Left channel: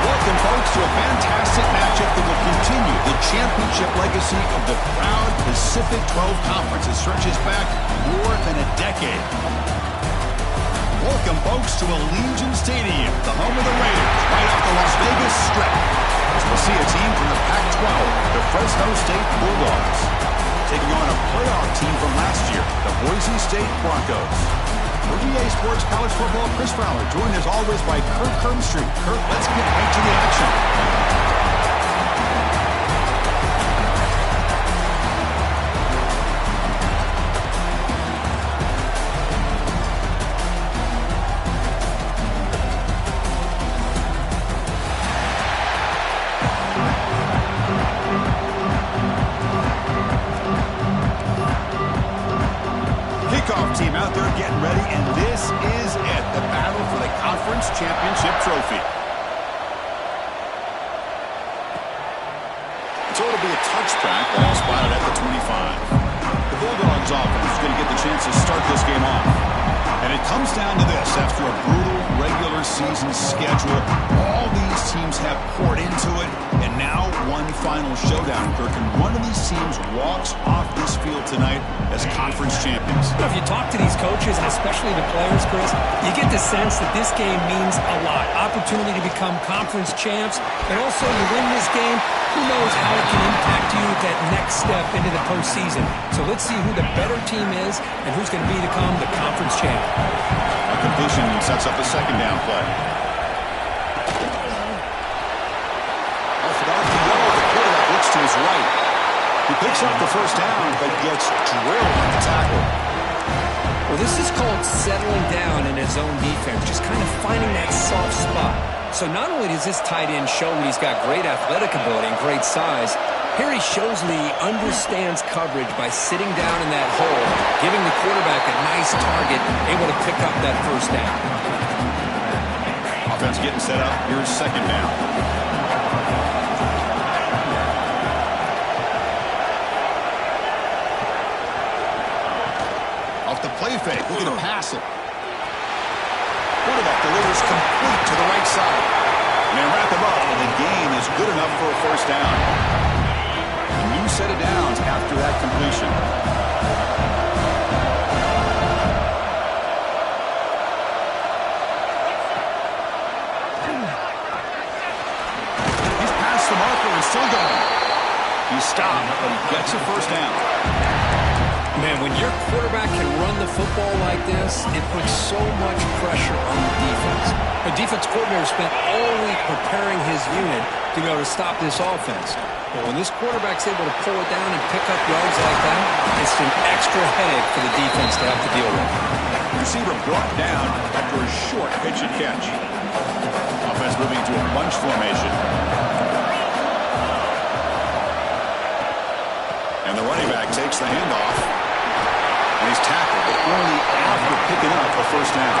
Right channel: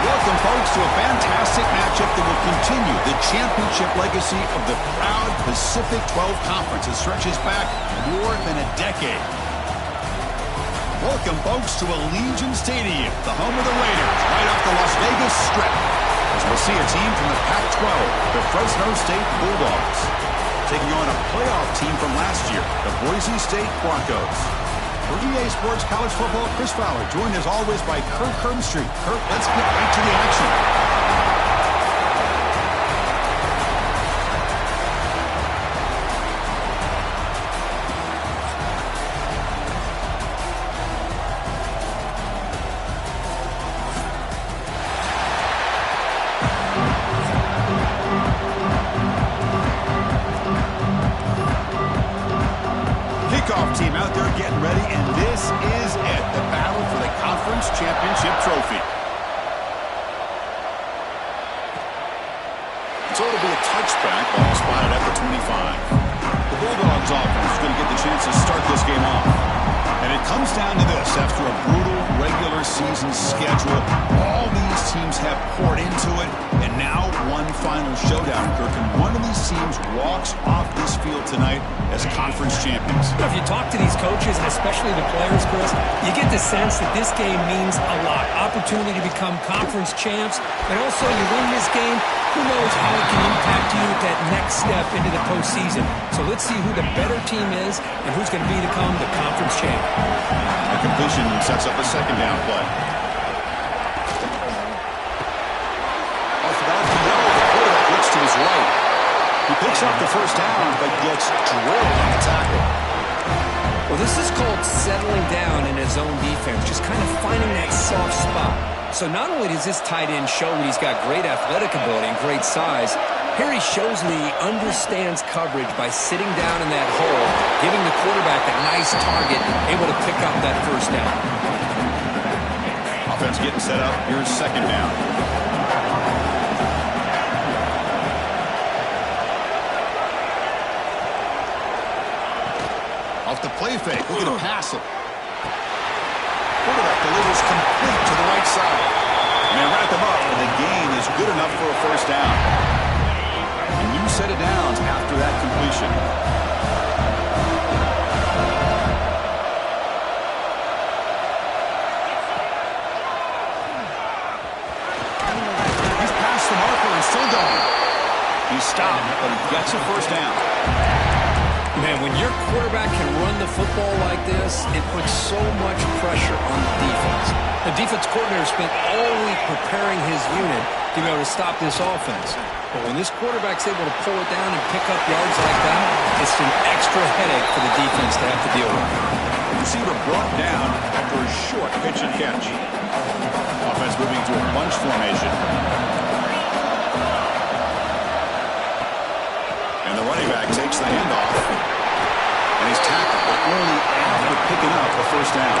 Welcome, folks, to a fantastic matchup that will continue the championship legacy of the proud Pacific 12 Conference. It stretches back more than a decade. Welcome, folks, to Allegiant Stadium, the home of the Raiders, right off the Las Vegas Strip, as we'll see a team from the PAC-12, the Fresno State Bulldogs, taking on a playoff team from last year, the Boise State Broncos. For EA Sports College Football, Chris Fowler, joined as always by Kurt Kirmstreet. Kurt, let's get right to the action. Team out there getting ready, and this is it, the battle for the conference championship trophy. So it'll be a touchback, ball spotted at the 25. The Bulldogs offense is going to get the chance to start this game off. And it comes down to this. After a brutal regular season schedule, all these teams have poured into it, and now one final showdown, Kirk. And one of these teams walks off this field tonight as conference champions. If you talk to these coaches, and especially the players, Chris, you get the sense that this game means a lot. Opportunity to become conference champs, and also you win this game, who knows how it can impact you at that next step into the postseason. So let's see who the better team is and who's going to become the conference champ. A completion sets up a second down play. Off an RPO, the quarterback looks to his right. He picks up the first down, but gets drilled on the tackle. Well, this is called settling down in his own defense, just kind of finding that soft spot. So not only does this tight end show that he's got great athletic ability and great size, here he shows that he understands coverage by sitting down in that hole, giving the quarterback a nice target, able to pick up that first down. Offense getting set up. Here's second down. Off the play fake, looking to pass it. Quarterback delivers complete to the right side. And they wrap him up, and the gain is good enough for a first down. A new set of downs after that completion. He's past the marker and still going. He's stopped, but he gets a first down. Man, when your quarterback can run the football like this, it puts so much pressure on the defense. The defense coordinator spent all week preparing his unit to be able to stop this offense. But when this quarterback's able to pull it down and pick up yards like that, it's an extra headache for the defense to have to deal with. Receiver brought down after a short pitch and catch. Offense moving into a bunch formation. And the running back takes the handoff. And he's tackled, but only after picking up a first down.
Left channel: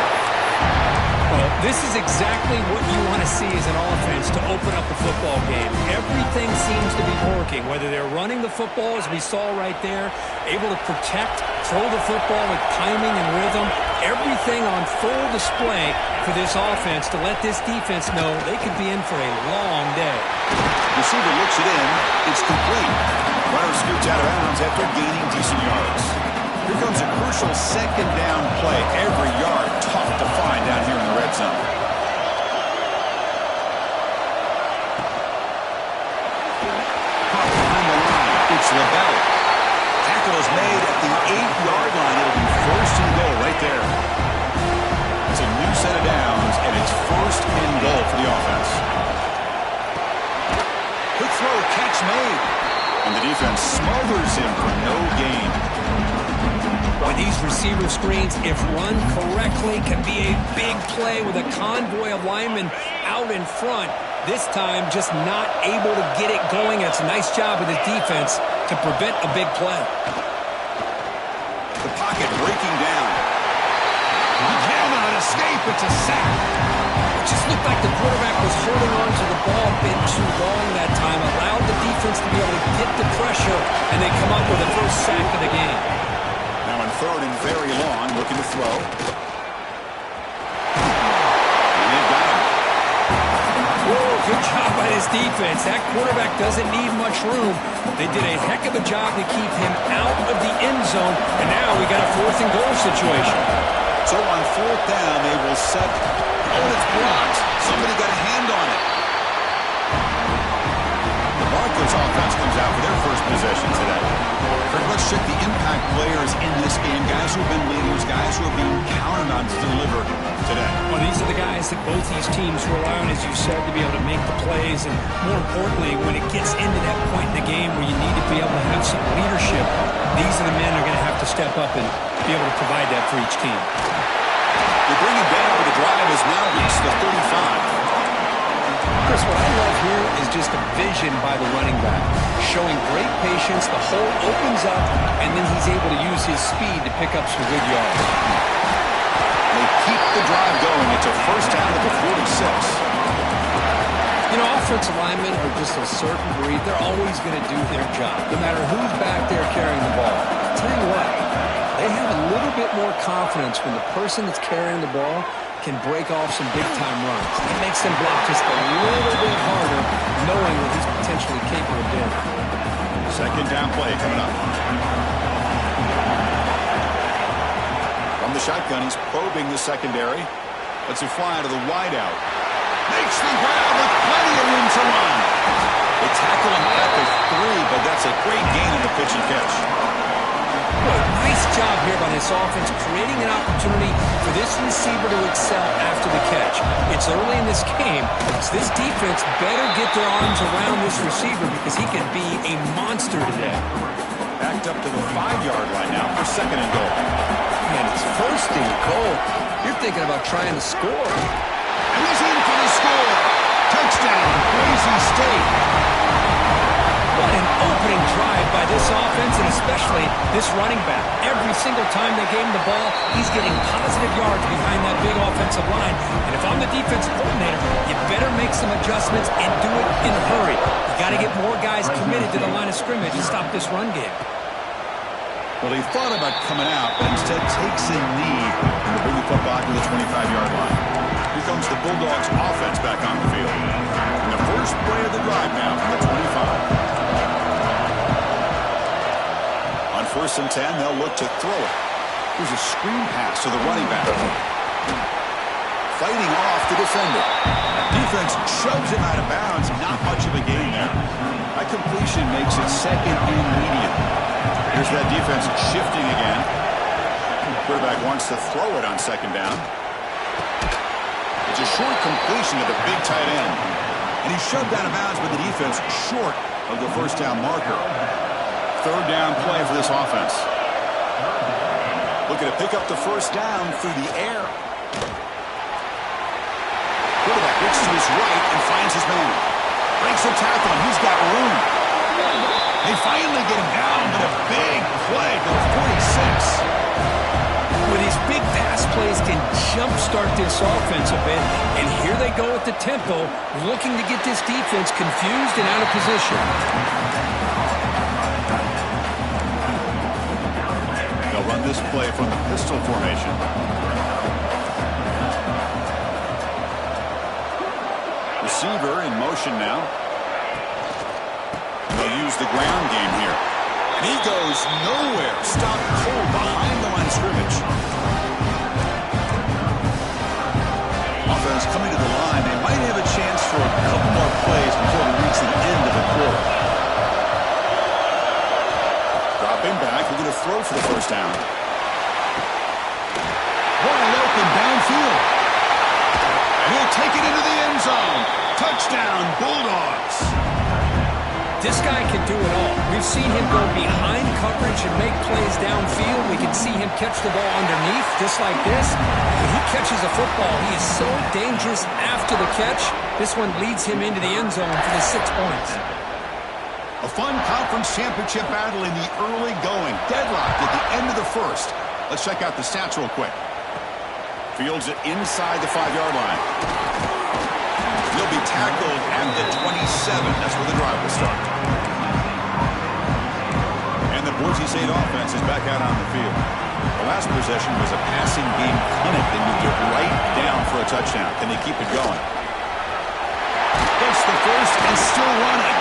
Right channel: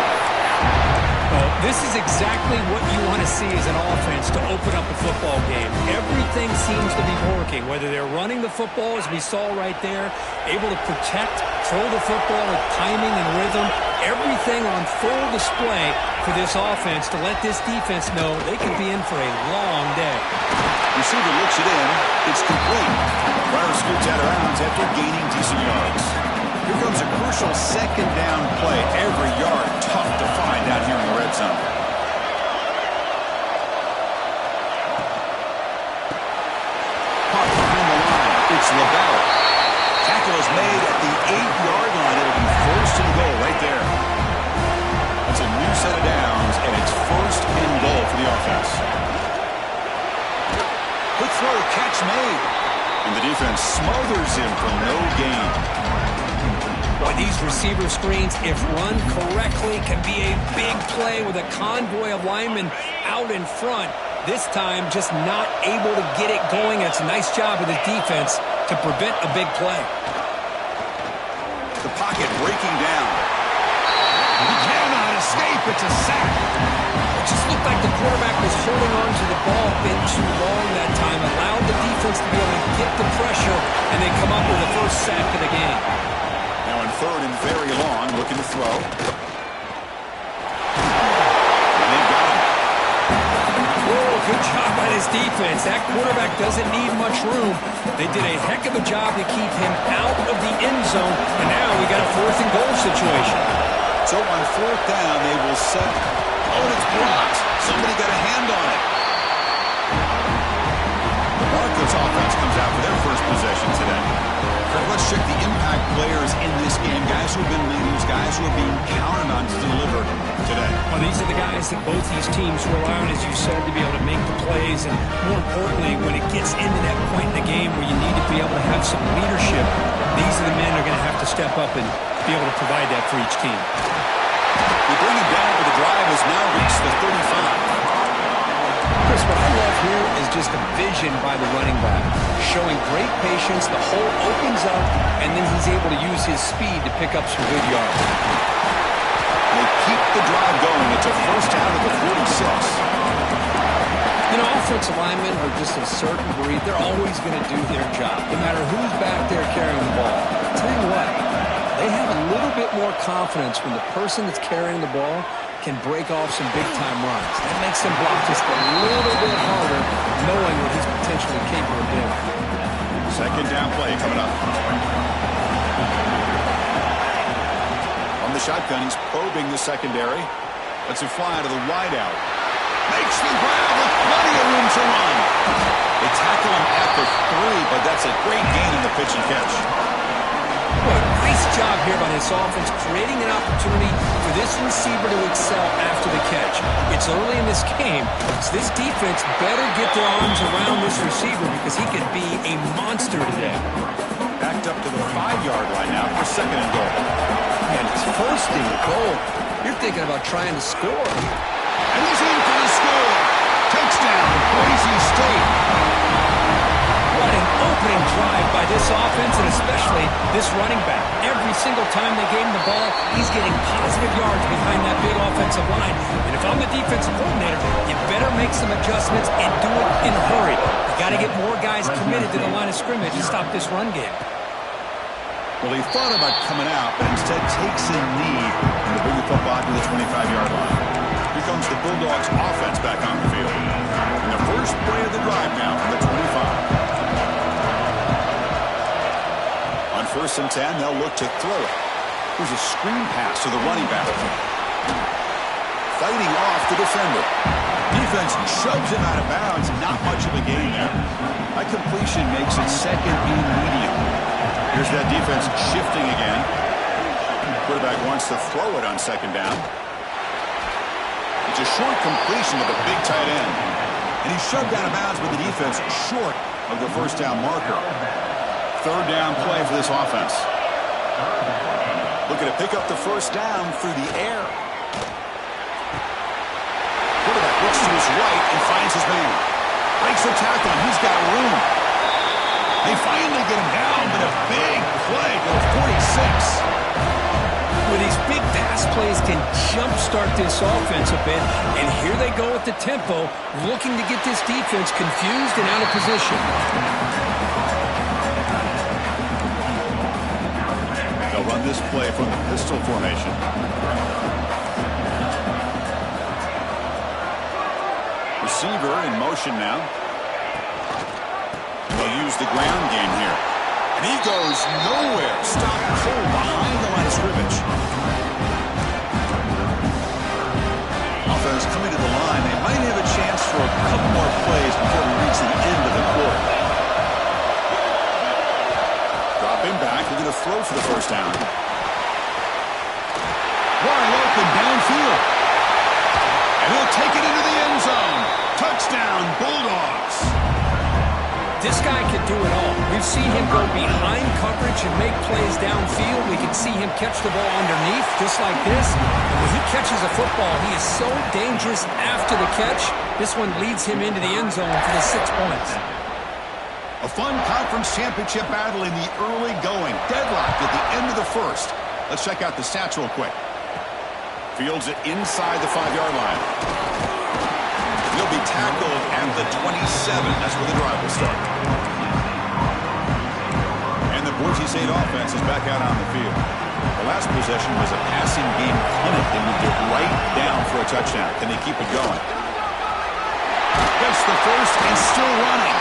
Well, this is exactly what you want to see as an offense to open up a football game. Everything seems to be working, whether they're running the football, as we saw right there, able to protect, throw the football with timing and rhythm, everything on full display for this offense to let this defense know they could be in for a long day. Receiver looks it in. It's complete. Runner scoots out of bounds after gaining decent yards. Here comes a crucial second down play. Every yard tough to find down here in the red zone. Caught behind the line. It's LaBelle. Tackle is made at the 8-yard line. It'll be first and goal right there. It's a new set of downs, and it's first and goal for the offense. Quick throw, catch made. And the defense smothers him for no gain. Boy, these receiver screens, if run correctly, can be a big play with a convoy of linemen out in front. This time, just not able to get it going. It's a nice job of the defense to prevent a big play. The pocket breaking down. He cannot escape. It's a sack. It just looked like the quarterback was holding on to the ball a bit too long that time, allowed the defense to be able to get the pressure, and they come up with the first sack of the game. Now in third and very long, looking to throw. And they've got him. Whoa, good job by this defense. That quarterback doesn't need much room. They did a heck of a job to keep him out of the end zone, and now we got a fourth and goal situation. So on fourth down, they will set. Oh, and it's blocked. Somebody got a hand on it. The Broncos offense comes out for their first possession today. Kirk, let's check the impact players in this game. Guys who have been leaders, guys who are being counted on to deliver today. Well, these are the guys that both these teams rely on, as you said, to be able to make the plays. And more importantly, when it gets into that point in the game where you need to be able to have some leadership, these are the men who are going to have to step up and be able to provide that for each team. They bring him down, but the drive has now reached the 35. Chris, what I love here is just a vision by the running back, showing great patience. The hole opens up, and then he's able to use his speed to pick up some good yards. They keep the drive going. It's a first down at the 46. You know, offensive linemen are just a certain breed. They're always going to do their job, no matter who's back there carrying the ball. I'll tell you what, they have a little bit more confidence when the person that's carrying the ball can break off some big-time runs. That makes them block just a little bit harder, knowing what he's potentially capable of doing. Second down play coming up. From the shotgun, he's probing the secondary. Lets it fly to the wideout. Makes the grab with plenty of room to run. They tackle him at the 3, but that's a great gain on the pitch and catch. Boy, nice job here by this offense, creating an opportunity for this receiver to excel after the catch. It's early in this game, so this defense better get their arms around this receiver because he could be a monster today. Backed up to the 5-yard line now for second and goal. Man, it's first and goal. You're thinking about trying to score. And he's in for the score. Touchdown, Boise State. What an opening drive by this offense, and especially this running back. Every single time they gave him the ball, he's getting positive yards behind that big offensive line. And if I'm the defensive coordinator, you better make some adjustments and do it in a hurry. You got to get more guys committed to the line of scrimmage and stop this run game. Well, he thought about coming out, but instead takes a knee and to bring the football to the 25-yard line. Here comes the Bulldogs offense back on the field. And the first play of the drive now from the 25. On 1st and 10, they'll look to throw it. Here's a screen pass to the running back. Fighting off the defender. Defense shoves him out of bounds. Not much of a gain there. That completion makes it second and medium. Here's that defense shifting again. Quarterback wants to throw it on second down. It's a short completion to the big tight end. And he's shoved out of bounds with the defense short of the first down marker. Third down play for this offense. Looking to pick up the first down through the air. Quarterback looks to his right and finds his man. Breaks the tackle, and he's got room. They finally get him down, but a big play to the 46. Well, these big pass plays can jumpstart this offense a bit, and here they go at the tempo, looking to get this defense confused and out of position. They'll run this play from the pistol formation. Receiver in motion now. the ground game here. And he goes nowhere. Stopped cold behind the line of scrimmage. Offense coming to the line. They might have a chance for a couple more plays before we reach the end of the quarter. Dropping back. We're going to throw for the first down. Wide open downfield. And he'll take it into the end zone. Touchdown, Bulldogs. This guy can do it all. We've seen him go behind coverage and make plays downfield. We can see him catch the ball underneath, just like this. And when he catches a football, he is so dangerous after the catch. This one leads him into the end zone for the 6 points. A fun conference championship battle in the early going. Deadlocked at the end of the first. Let's check out the stats real quick. Fields it inside the 5-yard line. He'll be tackled at the 27. That's where the drive will start. And the Boise State offense is back out on the field. The last possession was a passing game clinic. They moved it right down for a touchdown. Can they keep it going? Gets the first and still running.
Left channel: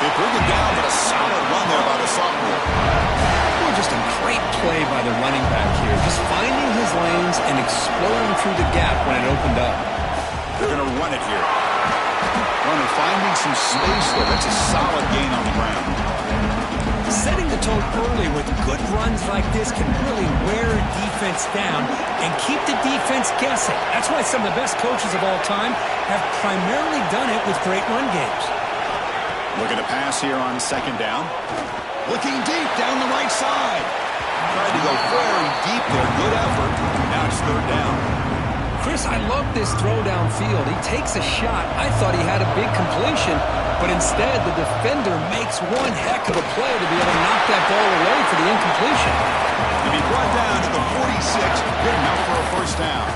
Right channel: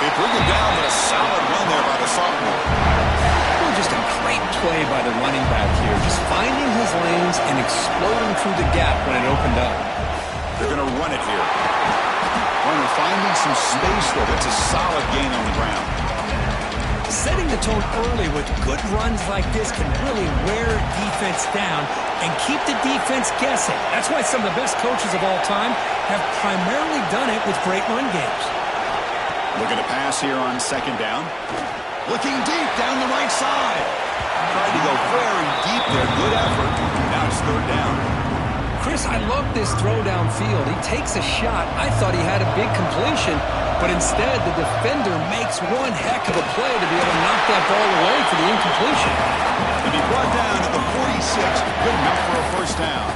They bring it down, but a solid run there by the sophomore. Well, just a great play by the running back here. Just finding his lanes and exploding through the gap when it opened up. They're going to run it here. Runner finding some space, though. That's a solid gain on the ground. Setting the tone early with good runs like this can really wear defense down and keep the defense guessing. That's why some of the best coaches of all time have primarily done it with great run games. Looking to pass here on second down. Looking deep down the right side. Tried to go very deep there. Good effort. Now it's third down. Chris, I love this throw downfield. He takes a shot. I thought he had a big completion, but instead the defender makes one heck of a play to be able to knock that ball away for the incompletion. To be brought down at the 46, good enough for a first down.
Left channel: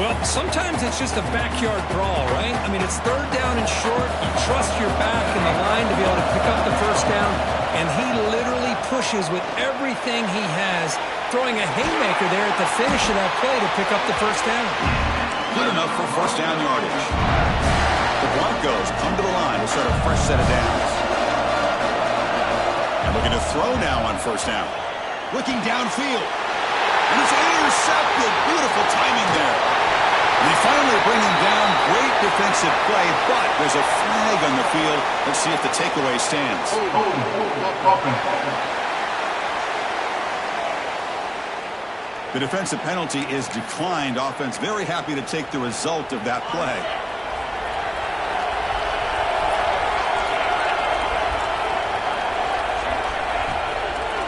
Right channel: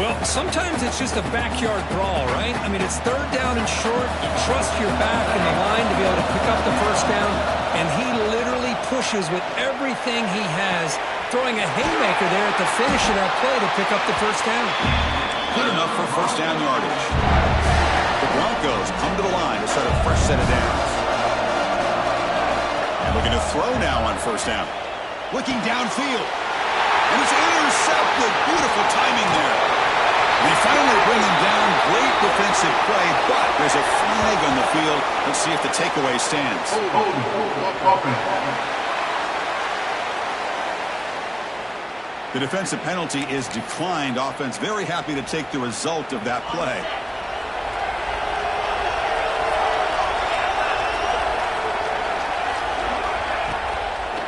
Well, sometimes it's just a backyard brawl, right? I mean, it's third down and short. You trust your back in the line to be able to pick up the first down, and he literally pushes with everything he has, throwing a haymaker there at the finish of that play to pick up the first down. Good enough for first down yardage. The Broncos come to the line to start a fresh set of downs. And looking to throw now on first down. Looking downfield. And it's intercepted. Beautiful timing there. They finally bring him down. Great defensive play, but there's a flag on the field. Let's see if the takeaway stands. The defensive penalty is declined. Offense very happy to take the result of that play.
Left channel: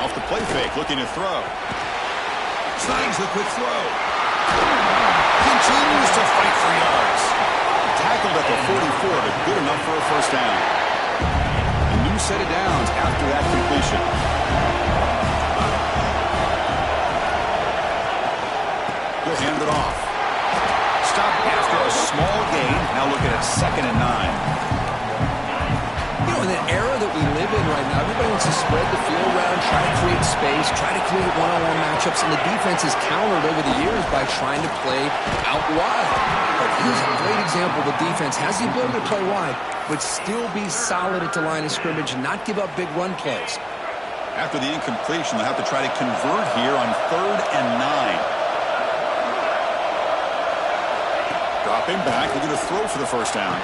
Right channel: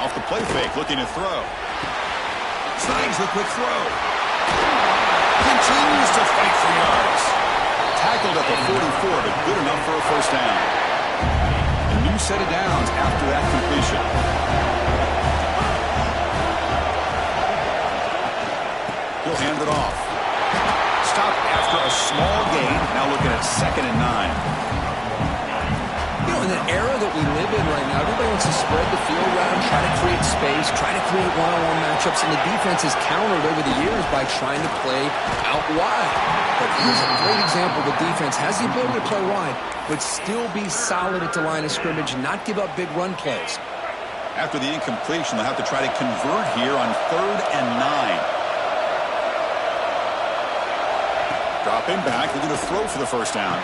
Off the play fake, looking to throw. Snags the quick throw. Continues to fight for yards. Tackled at the 44, but good enough for a first down. A new set of downs after that completion. He'll hand it off. Stop after a small gain. Now looking at 2nd and 9. You know, in the era that we live in right now, everybody wants to spread the field around, try to create space, try to create one-on-one matchups, and the defense is countered over the years by trying to play out wide. But here's a great example of a defense has the ability to play wide, but still be solid at the line of scrimmage and not give up big run plays. After the incompletion, they'll have to try to convert here on 3rd and 9. Dropping back, they're going to throw for the first down.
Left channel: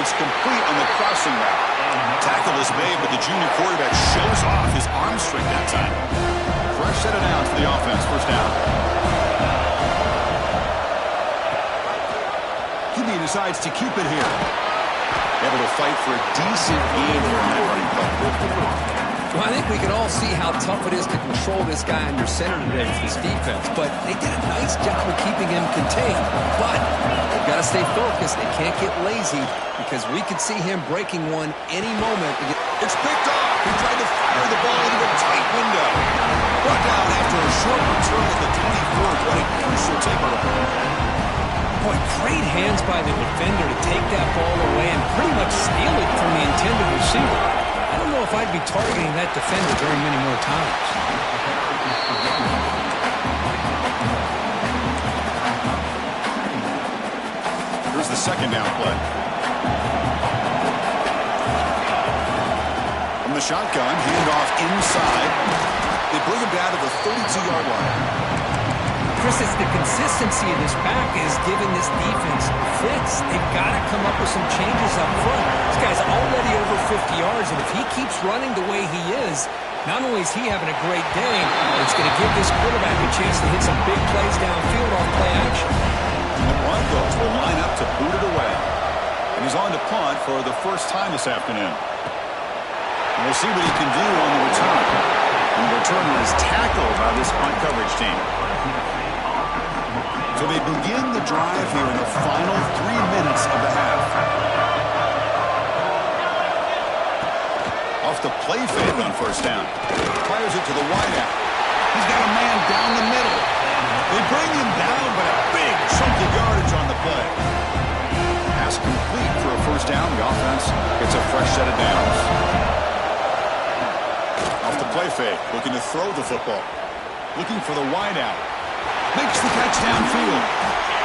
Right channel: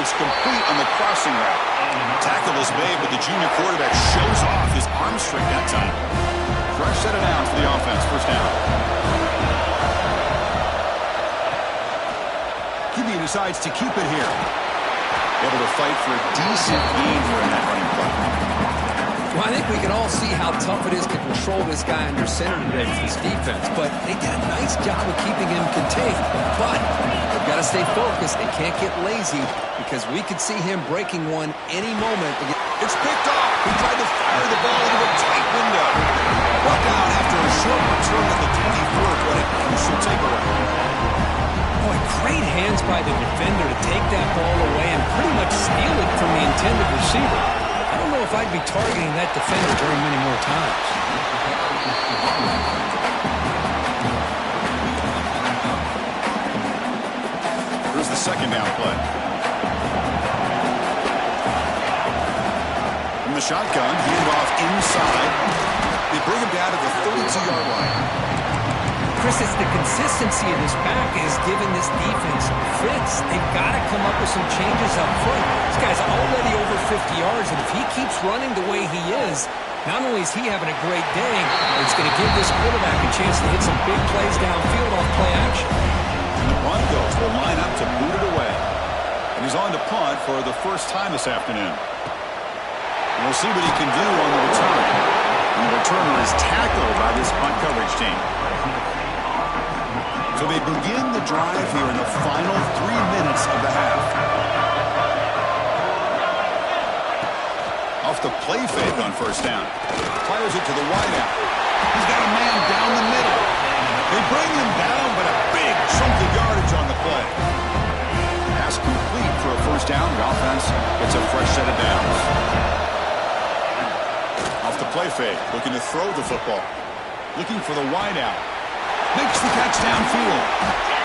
It's complete on the crossing route. Tackle is made, but the junior quarterback shows off his arm strength that time. Fresh set of downs for the offense. First down. QB decides to keep it here. Able to fight for a decent gain here in that running play. Well, I think we can all see how tough it is to control this guy under center today for this defense, but they did a nice job of keeping him contained. But they've got to stay focused. They can't get lazy because we could see him breaking one any moment. It's picked off. He tried to fire the ball into a tight window. Brought down after a short return at the 24. What a crucial takeaway. Boy, great hands by the defender to take that ball away and pretty much steal it from the intended receiver. I don't know if I'd be targeting that defender very many more times. Here's the second down play. From the shotgun, handoff inside. They bring him down to the 32-yard line. Chris, it's the consistency of this back is giving this defense fits. They've got to come up with some changes up front. This guy's already over 50 yards, and if he keeps running the way he is, not only is he having a great day, but it's going to give this quarterback a chance to hit some big plays downfield off play action. And the Broncos will line up to boot it away. And he's on to punt for the first time this afternoon. And we'll see what he can do on the return. And the returner is tackled by this punt coverage team. So they begin the drive here in the final 3 minutes of the half. Off the play fake on first down. Fires it to the wideout. He's got a man down the middle. They bring him down, but a big chunk of yardage on the play. Pass complete for a first down. The offense gets a fresh set of downs. Off the play fake, looking to throw the football. Looking for the wideout. Makes the catch downfield.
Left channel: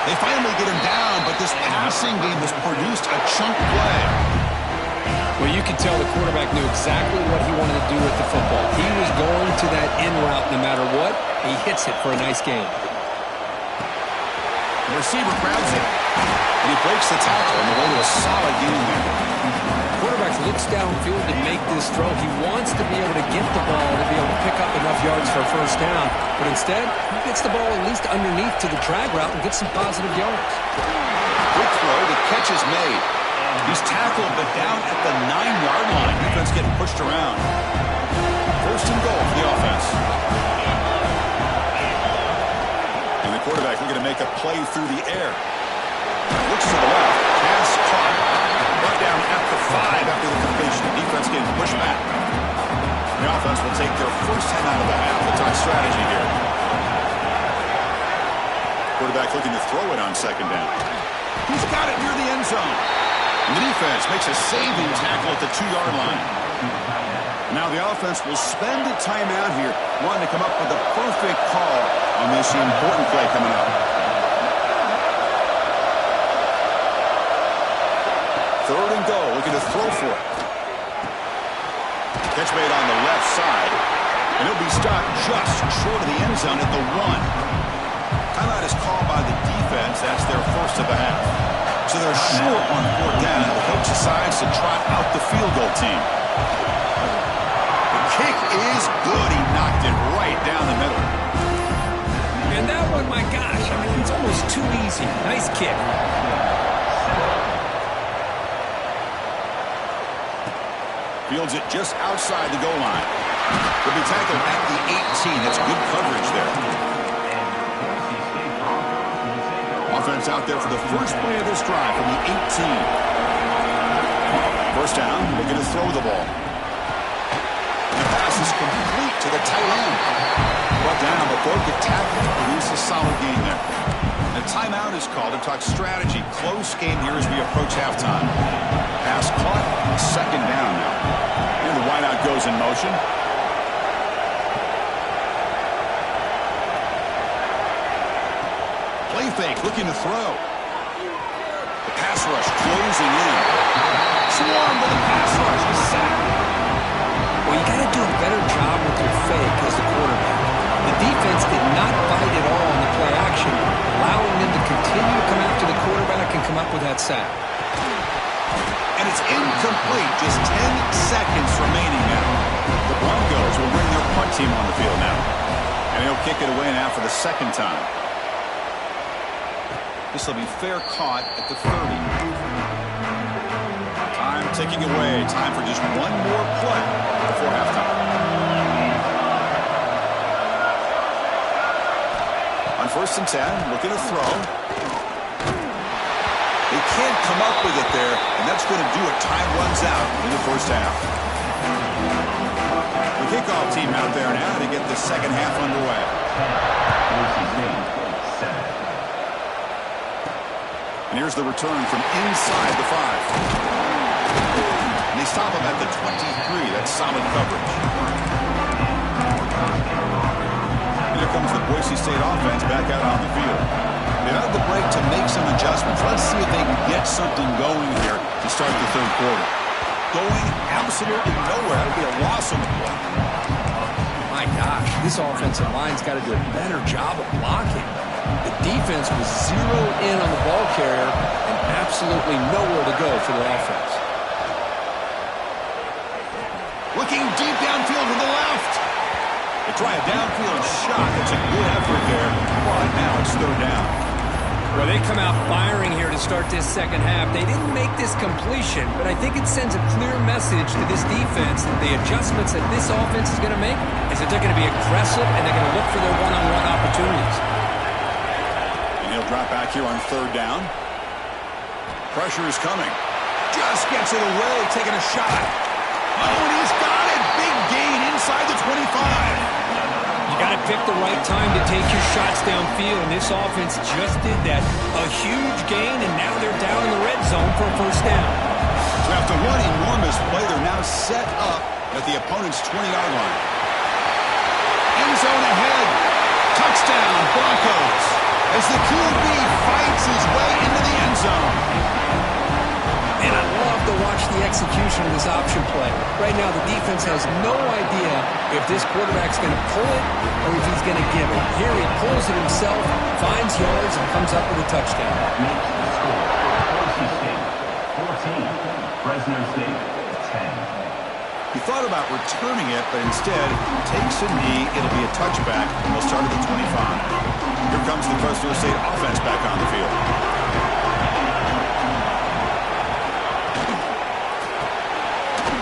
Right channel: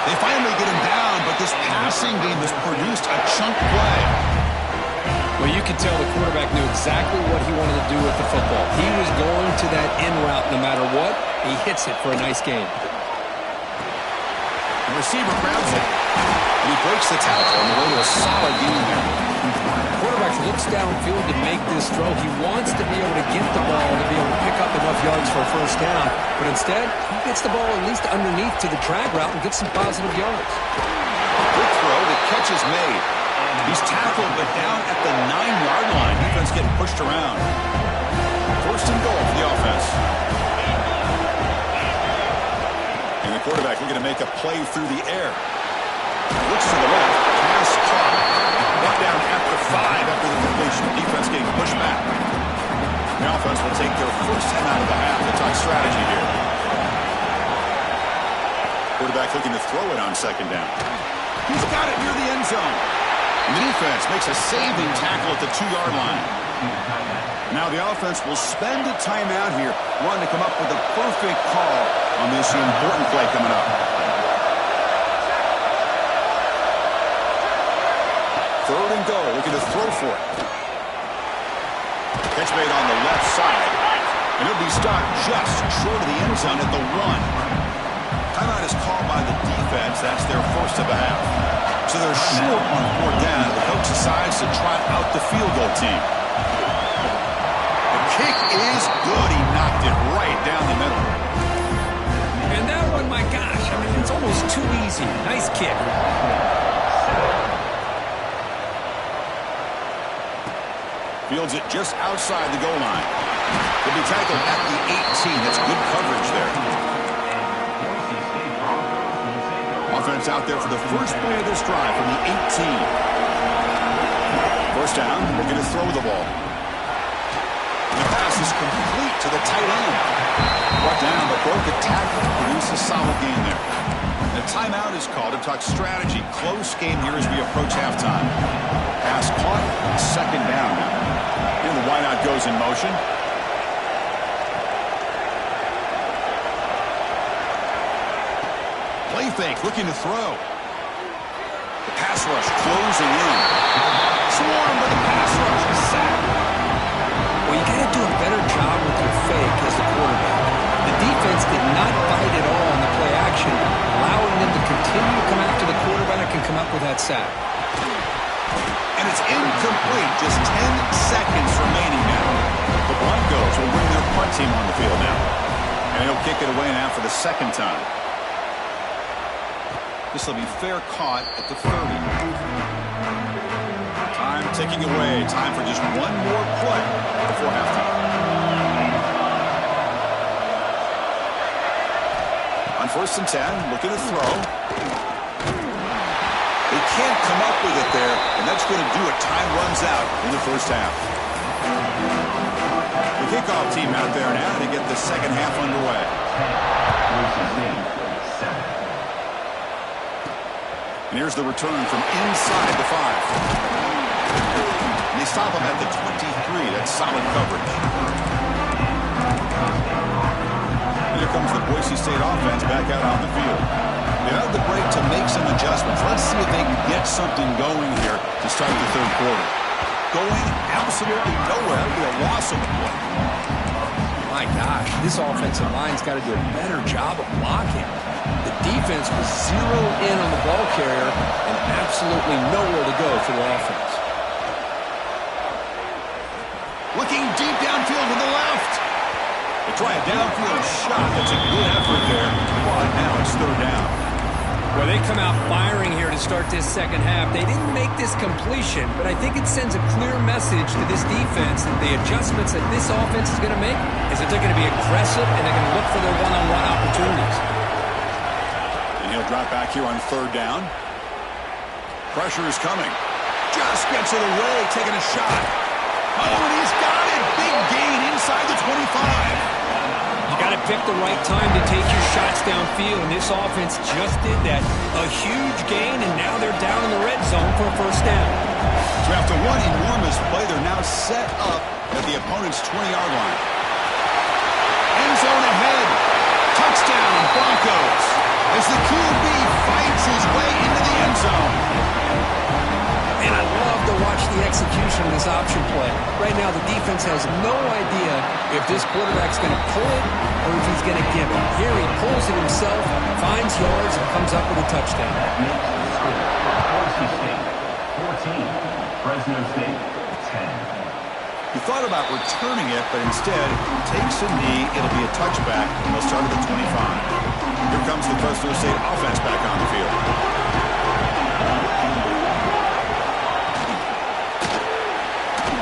They finally get him down, but this passing game has produced a chunk play. Well, you can tell the quarterback knew exactly what he wanted to do with the football. He was going to that in route no matter what. He hits it for a nice gain. The receiver grabs it, and he breaks the tackle on the way to a solid gain there. The quarterback looks downfield to make this throw. He wants to be able to get the ball to be able to pick up enough yards for a first down, but instead, he gets the ball at least underneath to the drag route and gets some positive yards. Quick throw, the catch is made. He's tackled, but down at the 9-yard line. Defense getting pushed around. First and goal for the offense. And the quarterback looking to make a play through the air. Looks to the left. Pass caught. Brought down at the 5 after the completion. Defense getting pushed back. The offense will take their first time out of the half. The talk strategy here. Quarterback looking to throw it on second down. He's got it near the end zone. And the defense makes a saving tackle at the 2-yard line. Now the offense will spend a timeout here, wanting to come up with a perfect call on this important play coming up. Third and goal, looking to throw for it. Catch made on the left side, and he'll be stopped just short of the end zone at the 1. Timeout is called by the defense. That's their first of the half. So they're short on fourth down. The coach decides to trot out the field goal team. The kick is good. He knocked it right down the middle. And that one, my gosh, I mean, it's almost too easy. Nice kick. Fields it just outside the goal line. He'll be tackled at the 18. That's good coverage there. Offense out there for the first play of this drive from the 18. First down, looking to throw the ball. And the pass is complete to the tight end. Brought down, but broke a tackle to produce a solid gain there. And a timeout is called to talk strategy. Close game here as we approach halftime. Pass caught, second down now. And the wideout goes in motion. Play fake, looking to throw. The pass rush closing in. Swarmed by the pass rush. Is sacked. Well, you got to do a better job with your fake as the quarterback. The defense did not bite at all on the play action, allowing them to continue to come after the quarterback and come up with that sack. And it's incomplete. Just 10 seconds remaining now. The Broncos will bring their punt team on the field now. And he'll kick it away now for the second time. This will be fair caught at the 30. Time ticking away. Time for just one more play before halftime. On first and 10, looking to throw. They can't come up with it there, and that's going to do it. Time runs out in the first half. The kickoff team out there now to get the second half underway. And here's the return from inside the 5. And they stop him at the 23. That's solid coverage. And here comes the Boise State offense back out on the field. They had the break to make some adjustments. Let's see if they can get something going here to start the third quarter. going absolutely nowhere. That would be a loss on the play. My gosh, this offensive line's got to do a better job of blocking. The defense was zeroed in on the ball carrier and absolutely nowhere to go for their offense. Looking deep downfield to the left. They try a downfield shot. That's a good effort there. But now it's third down. Well, they come out firing here to start this second half. They didn't make this completion, but I think it sends a clear message to this defense that the adjustments that this offense is going to make is that they're going to be aggressive and they're going to look for their one-on-one opportunities. And he'll drop back here on third down. Pressure is coming. Just gets it away, taking a shot. Oh, and he's got it. Big gain inside the 25. You got to pick the right time to take your shots downfield, and this offense just did that. A huge gain, and now they're down in the red zone for a first down. So after one enormous play, they're now set up at the opponent's 20-yard line. End zone ahead. Touchdown, Broncos, as the QB fights his way into the end zone. And I love to watch the execution of this option play. Right now, the defense has no idea if this quarterback's going to pull it or if he's going to give it. Here he pulls it himself, finds yards, and comes up with a touchdown. That makes the score Boise State 14, Fresno State 10. He thought about returning it, but instead takes a knee. It'll be a touchback, and they'll start at the 25. Here comes the Fresno State offense back on the field.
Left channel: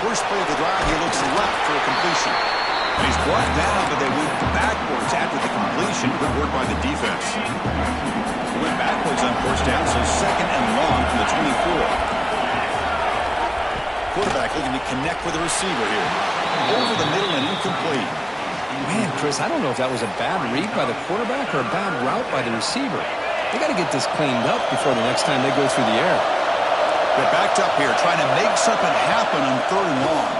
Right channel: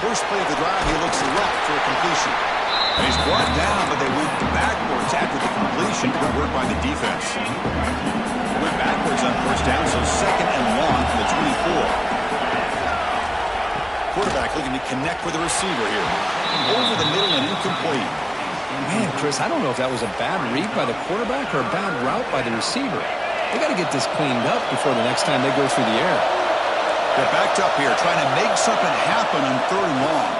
First play of the drive, he looks left for a completion. And he's brought down, but they went backwards after the completion. Good work by the defense. They went backwards on first down, so second and long from the 24. Quarterback looking to connect with the receiver here. Over the middle and incomplete. Man, Chris, I don't know if that was a bad read by the quarterback or a bad route by the receiver. They got to get this cleaned up before the next time they go through the air. They're backed up here, trying to make something happen on third and long.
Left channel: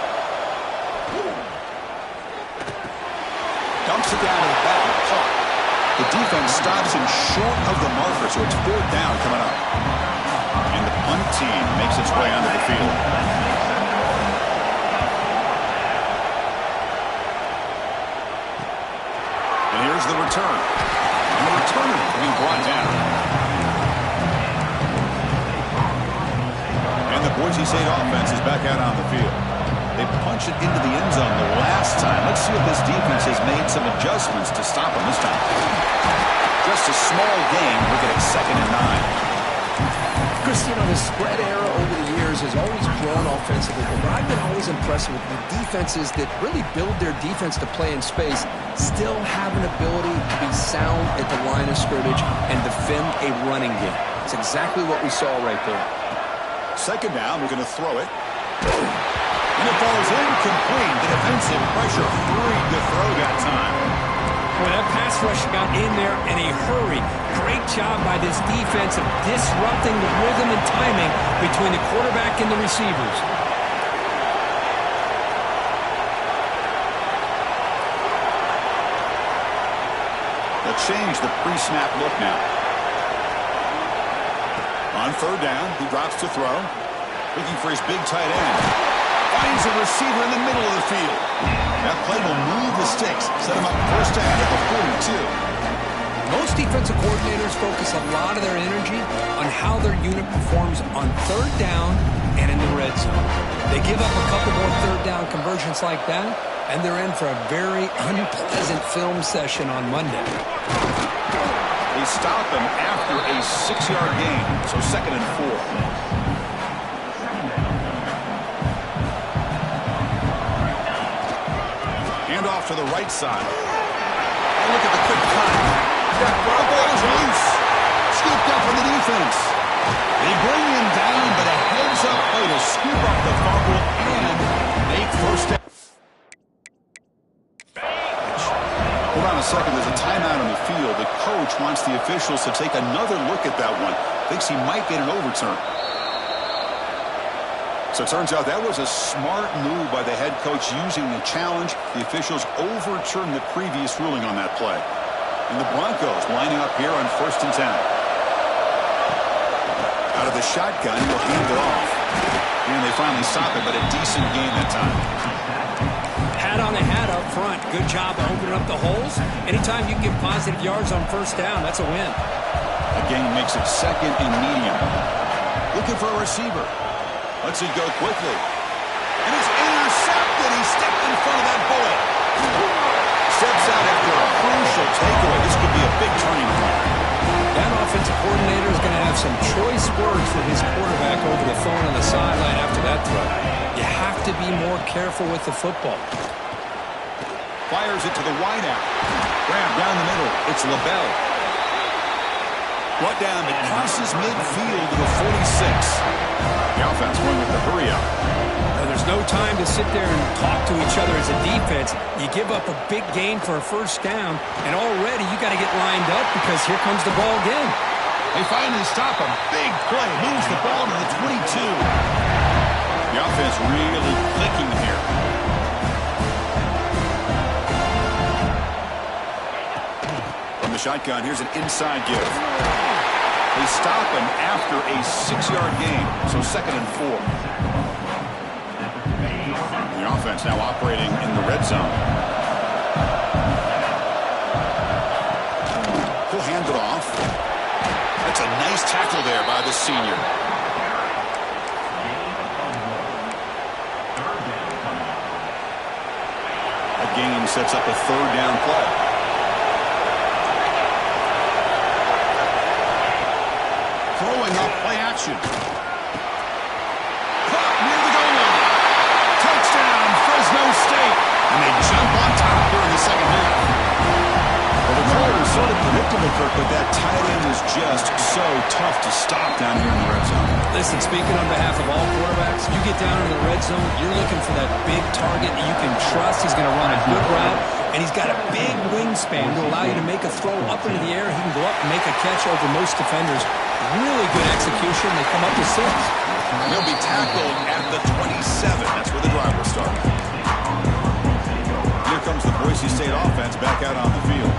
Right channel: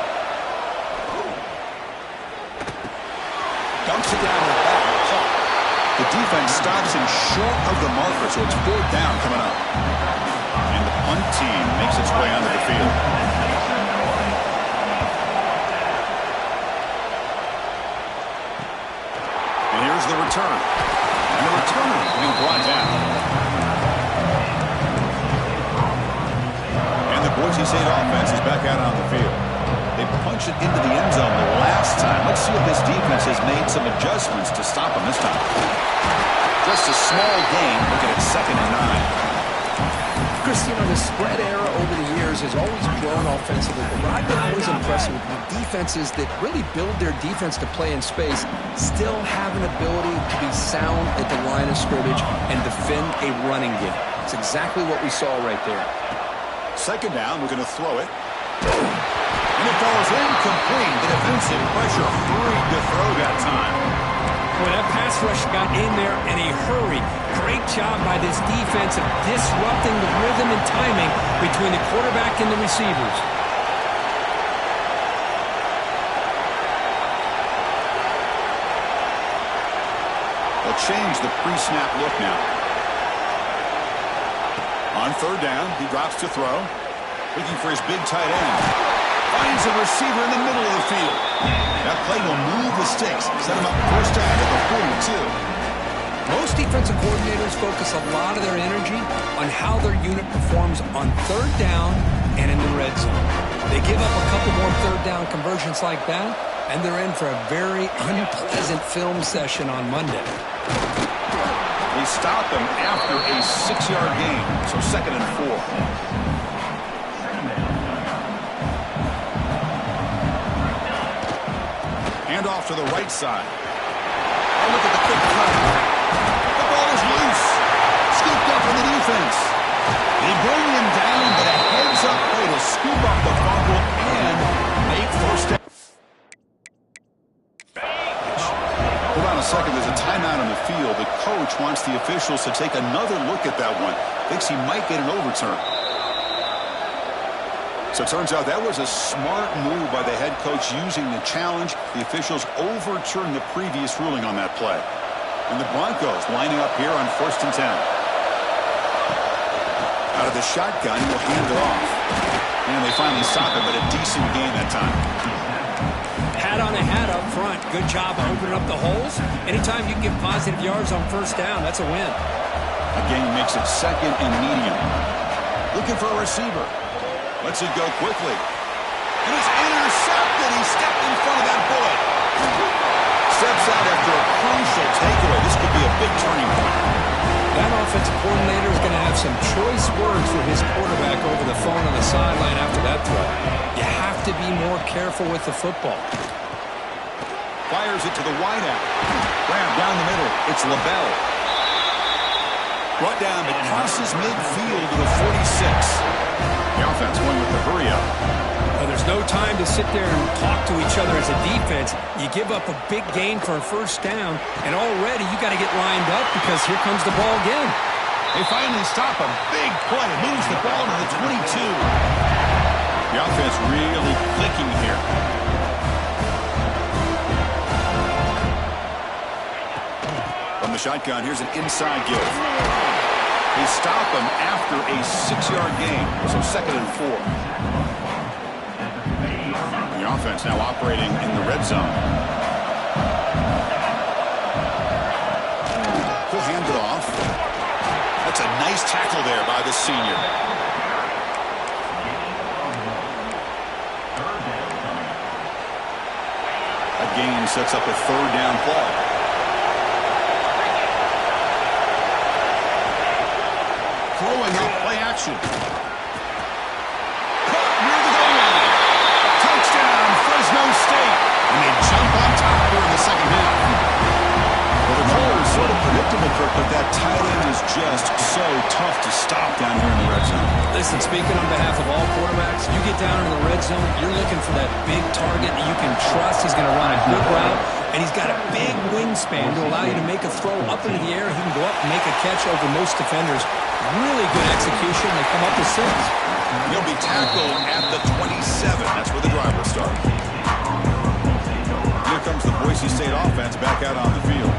Dumps it down to the back. The defense stops him short of the marker, so it's fourth down coming up. And the punt team makes its way onto the field. And here's the return. And the returner being brought down. The Boise State offense is back out on the field. They punched it into the end zone the last time. Let's see if this defense has made some adjustments to stop them this time. Just a small gain. Looking at 2nd and 9. Chris, you know, the spread era over the years has always grown offensively, but I've been always impressed with the defenses that really build their defense to play in space, still have an ability to be sound at the line of scrimmage and defend a running game. It's exactly what we saw right there. Second down, we're going to throw it. And it falls incomplete. The defensive pressure hurried to throw that time. Well, that pass rush got in there in a hurry. Great job by this defense of disrupting the rhythm and timing between the quarterback and the receivers. They'll change the pre-snap look now. On third down, he drops to throw. Looking for his big tight end. Finds a receiver in the middle of the field. That play will move the sticks. Set him up first down at the 42. Most defensive coordinators focus a lot of their energy on how their unit performs on third down and in the red zone. They give up a couple more third down conversions like that, and they're in for a very unpleasant film session on Monday. They stop him after a 6-yard gain, so 2nd and 4. Hand off to the right side. Oh, look at the quick cut. The ball is loose. Scooped up in the defense. They bring him down, but a heads-up play to scoop up the fumble and make first down. Hold on a second. There's a timeout on the field. The coach wants the officials to take another look at that one. Thinks he might get an overturn. So it turns out that was a smart move by the head coach using the challenge. The officials overturned the previous ruling on that play. And the Broncos lining up here on 1st and 10. Out of the shotgun, he'll hand it off. And they finally stop it, but a decent gain that time. Hat on a hat up front. Good job opening up the holes. Anytime you can get positive yards on first down, that's a win. A gain makes it second and medium. Looking for a receiver. Lets it go quickly. And it's intercepted. He stepped in front of that bullet. Steps out after a crucial takeaway. This could be a big turning point. That offensive coordinator is going to have some choice words for his quarterback over the phone on the sideline after that throw. You have to be more careful with the football. Fires it to the wideout. Grab down the middle. It's LaBelle. Brought down. It crosses midfield to the 46. The offense going with the hurry up. There's no time to sit there and talk to each other as a defense. You give up a big gain for a first down, and already you got to get lined up because here comes the ball again. They finally stop him. Big play. Moves the ball to the 22. The offense really clicking here. From the shotgun, here's an inside give. They stop him after a 6-yard gain, so 2nd and 4. The offense now operating in the red zone. He'll hand it off. That's a nice tackle there by the senior. A gain sets up a 3rd down play. Throwing up play action. Caught near the goal line. Touchdown, Fresno State. And they jump on top here in the second half. Well, the call is sort of predictable, Kirk, but that tight end is just so tough to stop down here in the red zone. Listen, speaking on behalf of all quarterbacks, you get down into the red zone, you're looking for that big target that you can trust. He's going to run a good route, and he's got a big wingspan to allow you to make a throw up into the air. He can go up and make a catch over most defenders. Really good execution. They come up with 6. He'll be tackled at the 27. That's where the drive will start. Here comes the Boise State offense back out on the field.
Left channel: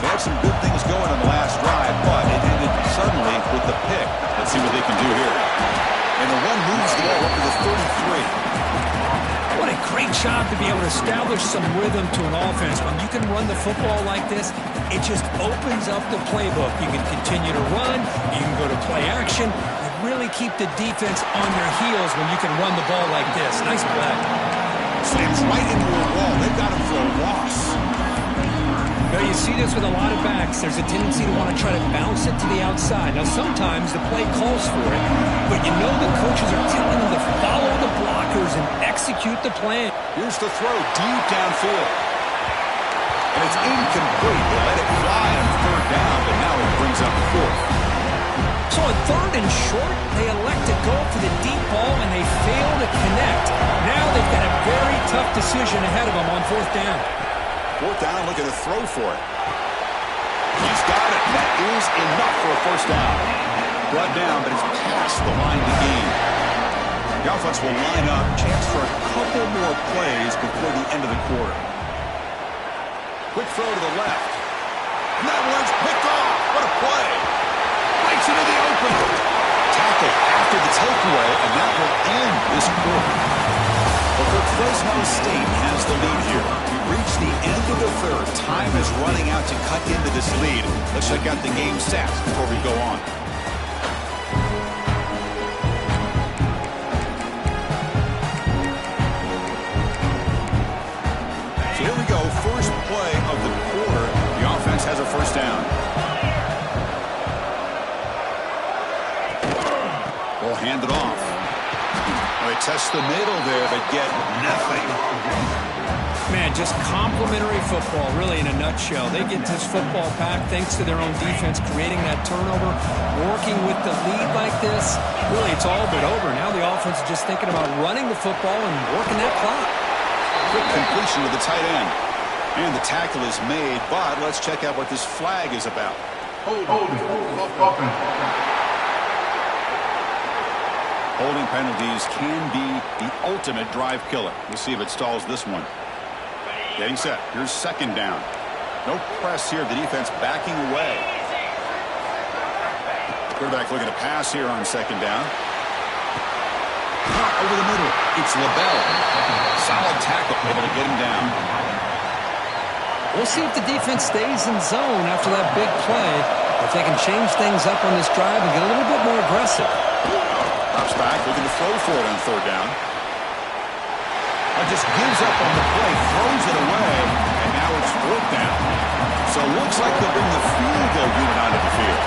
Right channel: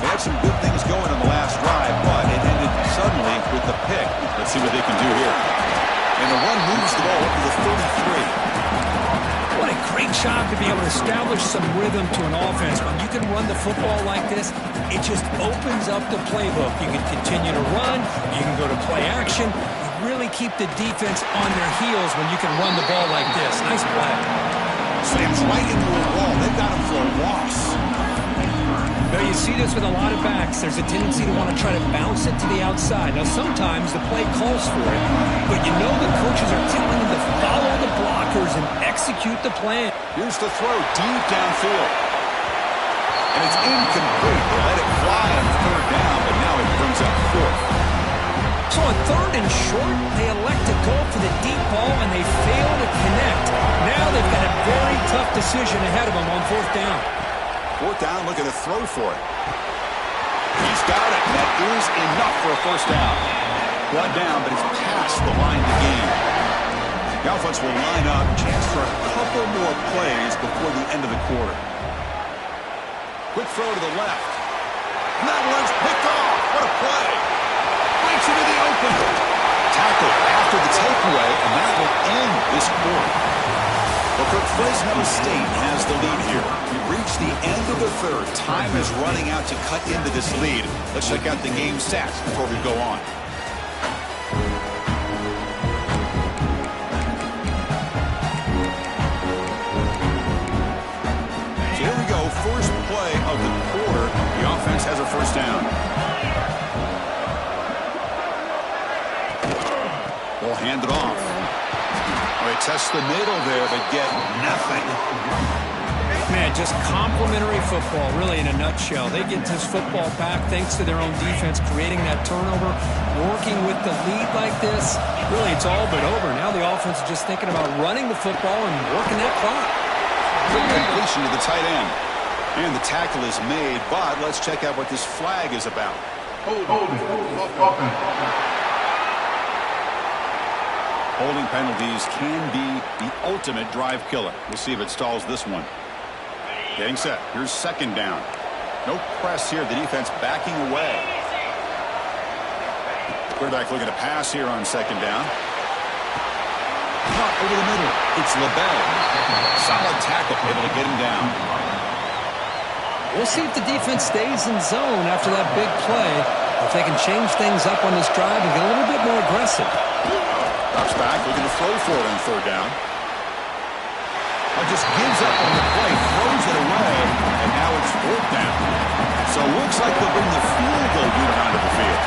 They had some good things going on the last drive, but it ended suddenly with the pick. Let's see what they can do here. And the run moves the ball up to the 33. What a great job to be able to establish some rhythm to an offense. When you can run the football like this, it just opens up the playbook. You can continue to run. You can go to play action. You really keep the defense on their heels when you can run the ball like this. Nice play. Slams right into a wall. They've got him for a loss. Now, you see this with a lot of backs. There's a tendency to want to try to bounce it to the outside. Now, sometimes the play calls for it, but you know the coaches are telling them to follow the blockers and execute the plan. Here's the throw deep downfield. And it's incomplete. They let it fly on 3rd down, but now it brings up 4th. So on 3rd and short, they elect to go for the deep ball, and they fail to connect. Now they've got a very tough decision ahead of them on 4th down. 4th down, looking to throw for it. He's got it. That is enough for a 1st down. Brought down, but it's past the line to gain. The offense will line up. Chance for a couple more plays before the end of the quarter. Quick throw to the left. And that one's picked off. What a play. Breaks into the open. Tackle after the takeaway, and that will end this quarter. Well, Kirk, Fresno State has the lead here. We've reached the end of the 3rd. Time is running out to cut into this lead. Let's check out the game stats before we go on. So here we go. First play of the quarter. The offense has a 1st down. We'll hand it off. They test the middle there, but get nothing. Man, just complimentary football, really, in a nutshell. They get this football back thanks to their own defense, creating that turnover, working with the lead like this. Really, it's all but over. Now the offense is just thinking about running the football and working that clock. Quick completion to the tight end. And the tackle is made, but let's check out what this flag is about. Holding penalties can be the ultimate drive killer. We'll see if it stalls this one. Getting set. Here's 2nd down. No press here. The defense backing away. Quarterback looking to pass here on 2nd down. Caught over the middle. It's LaBelle. Solid tackle, able to get him down. We'll see if the defense stays in zone after that big play, or if they can change things up on this drive and get a little bit more aggressive. Drops back, looking to throw for it on third down. Just gives up on the play, throws it away, and now it's fourth down. So it looks like they'll bring the field goal unit onto the field.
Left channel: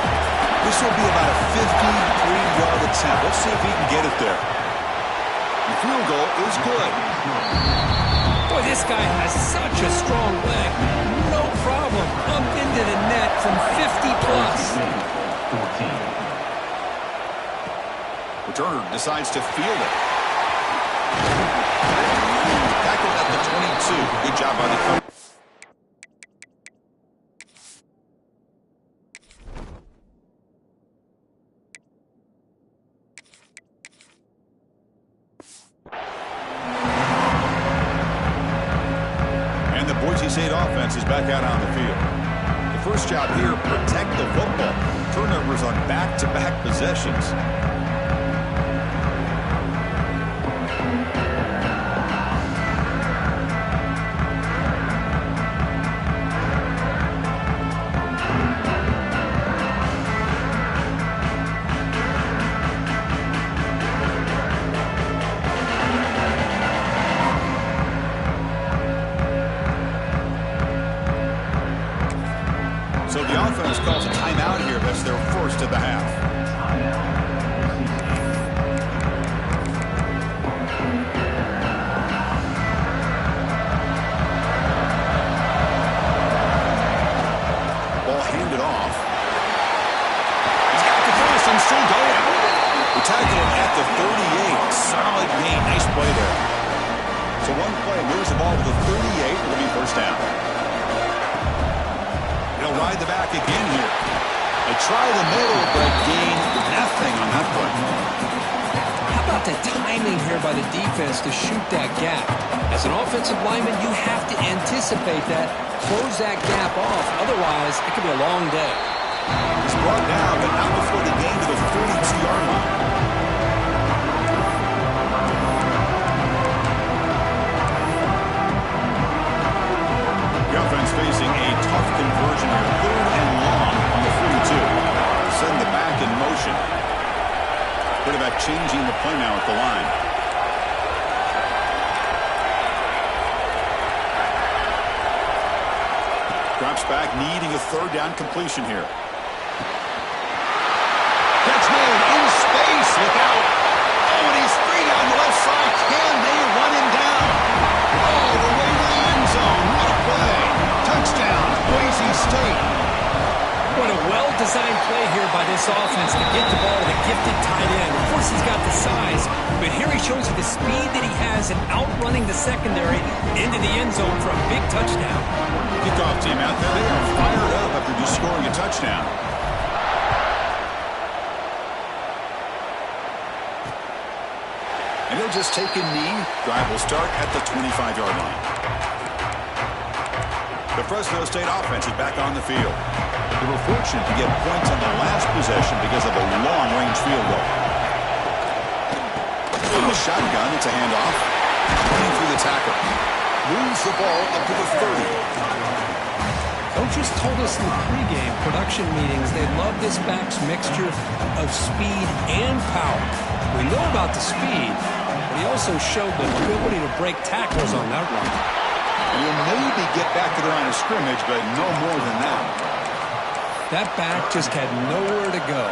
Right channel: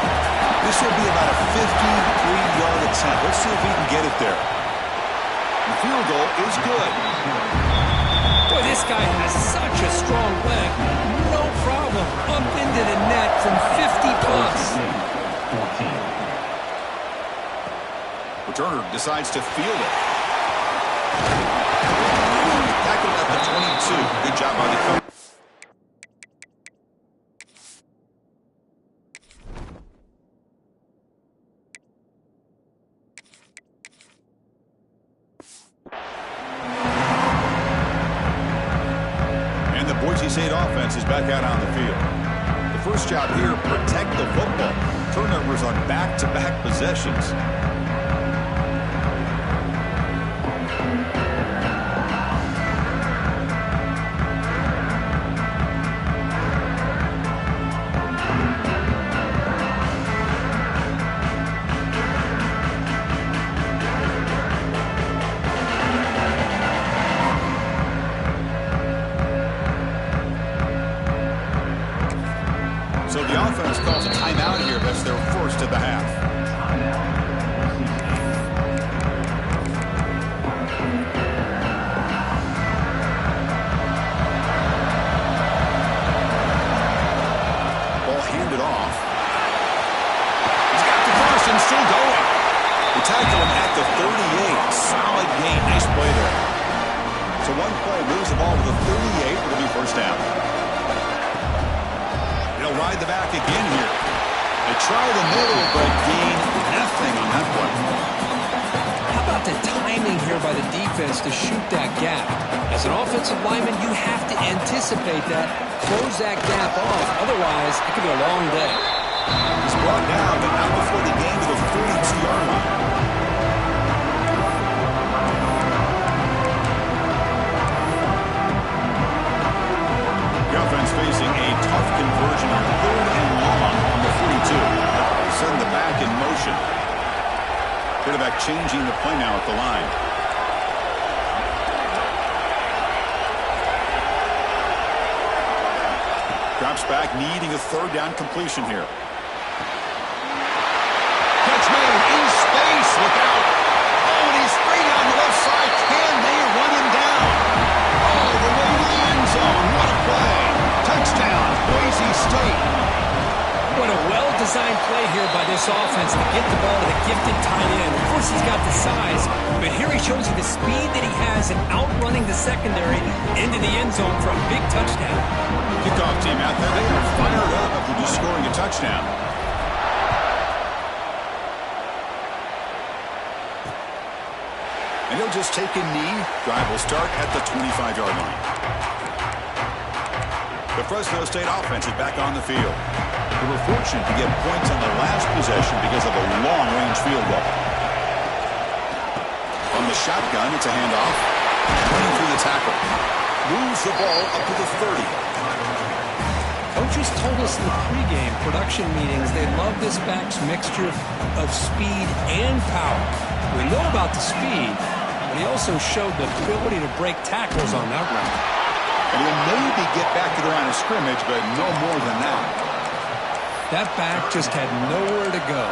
This will be about a 53-yard attempt. Let's see if he can get it there. The field goal is good. Boy, this guy has such a strong leg. No problem. Up into the net from 50-plus. 14. Returner decides to field it. Tackled at the 22. Good job by the coach. And the Boise State offense is back out on the field. The first job here, protect the football. Turnovers on back-to-back possessions. So the offense calls a timeout here. That's their first of the half. Ball handed off. He's got the first and still going. We tackle him at the 38. Solid gain. Nice play there. So one play moves the ball to the 38. It'll be first down. They'll ride the back again here. They try the middle, but gain nothing on that play. How about the timing here by the defense to shoot that gap? As an offensive lineman, you have to anticipate that, close that gap off. Otherwise, it could be a long day. He's brought down, but not before the gain to the 42-yard line. Offense facing a tough conversion here. Third and long on the 42. Send the back in motion. Quarterback changing the play now at the line. Drops back, needing a third down completion here. Catch made in space. Look out. Oh, and he's free down the left side. Can they run him down? Oh, the way to the end zone. What a play. Touchdown, Boise State. What a well-designed play here by this offense to get the ball to the gifted tight end. Of course, he's got the size, but here he shows you the speed that he has in outrunning the secondary into the end zone for a big touchdown. Kickoff team out there. They are fired up after just scoring a touchdown. And he'll just take a knee. Drive will start at the 25-yard line. The Fresno State offense is back on the field. They were fortunate to get points on the last possession because of a long-range field goal. From the shotgun, it's a handoff. Running through the tackle. Moves the ball up to the 30. Coaches told us in the pregame production meetings they love this back's mixture of speed and power. We know about the speed, but he also showed the ability to break tackles on that run. And he'll maybe get back to the line of scrimmage, but no more than that. That back just had nowhere to go.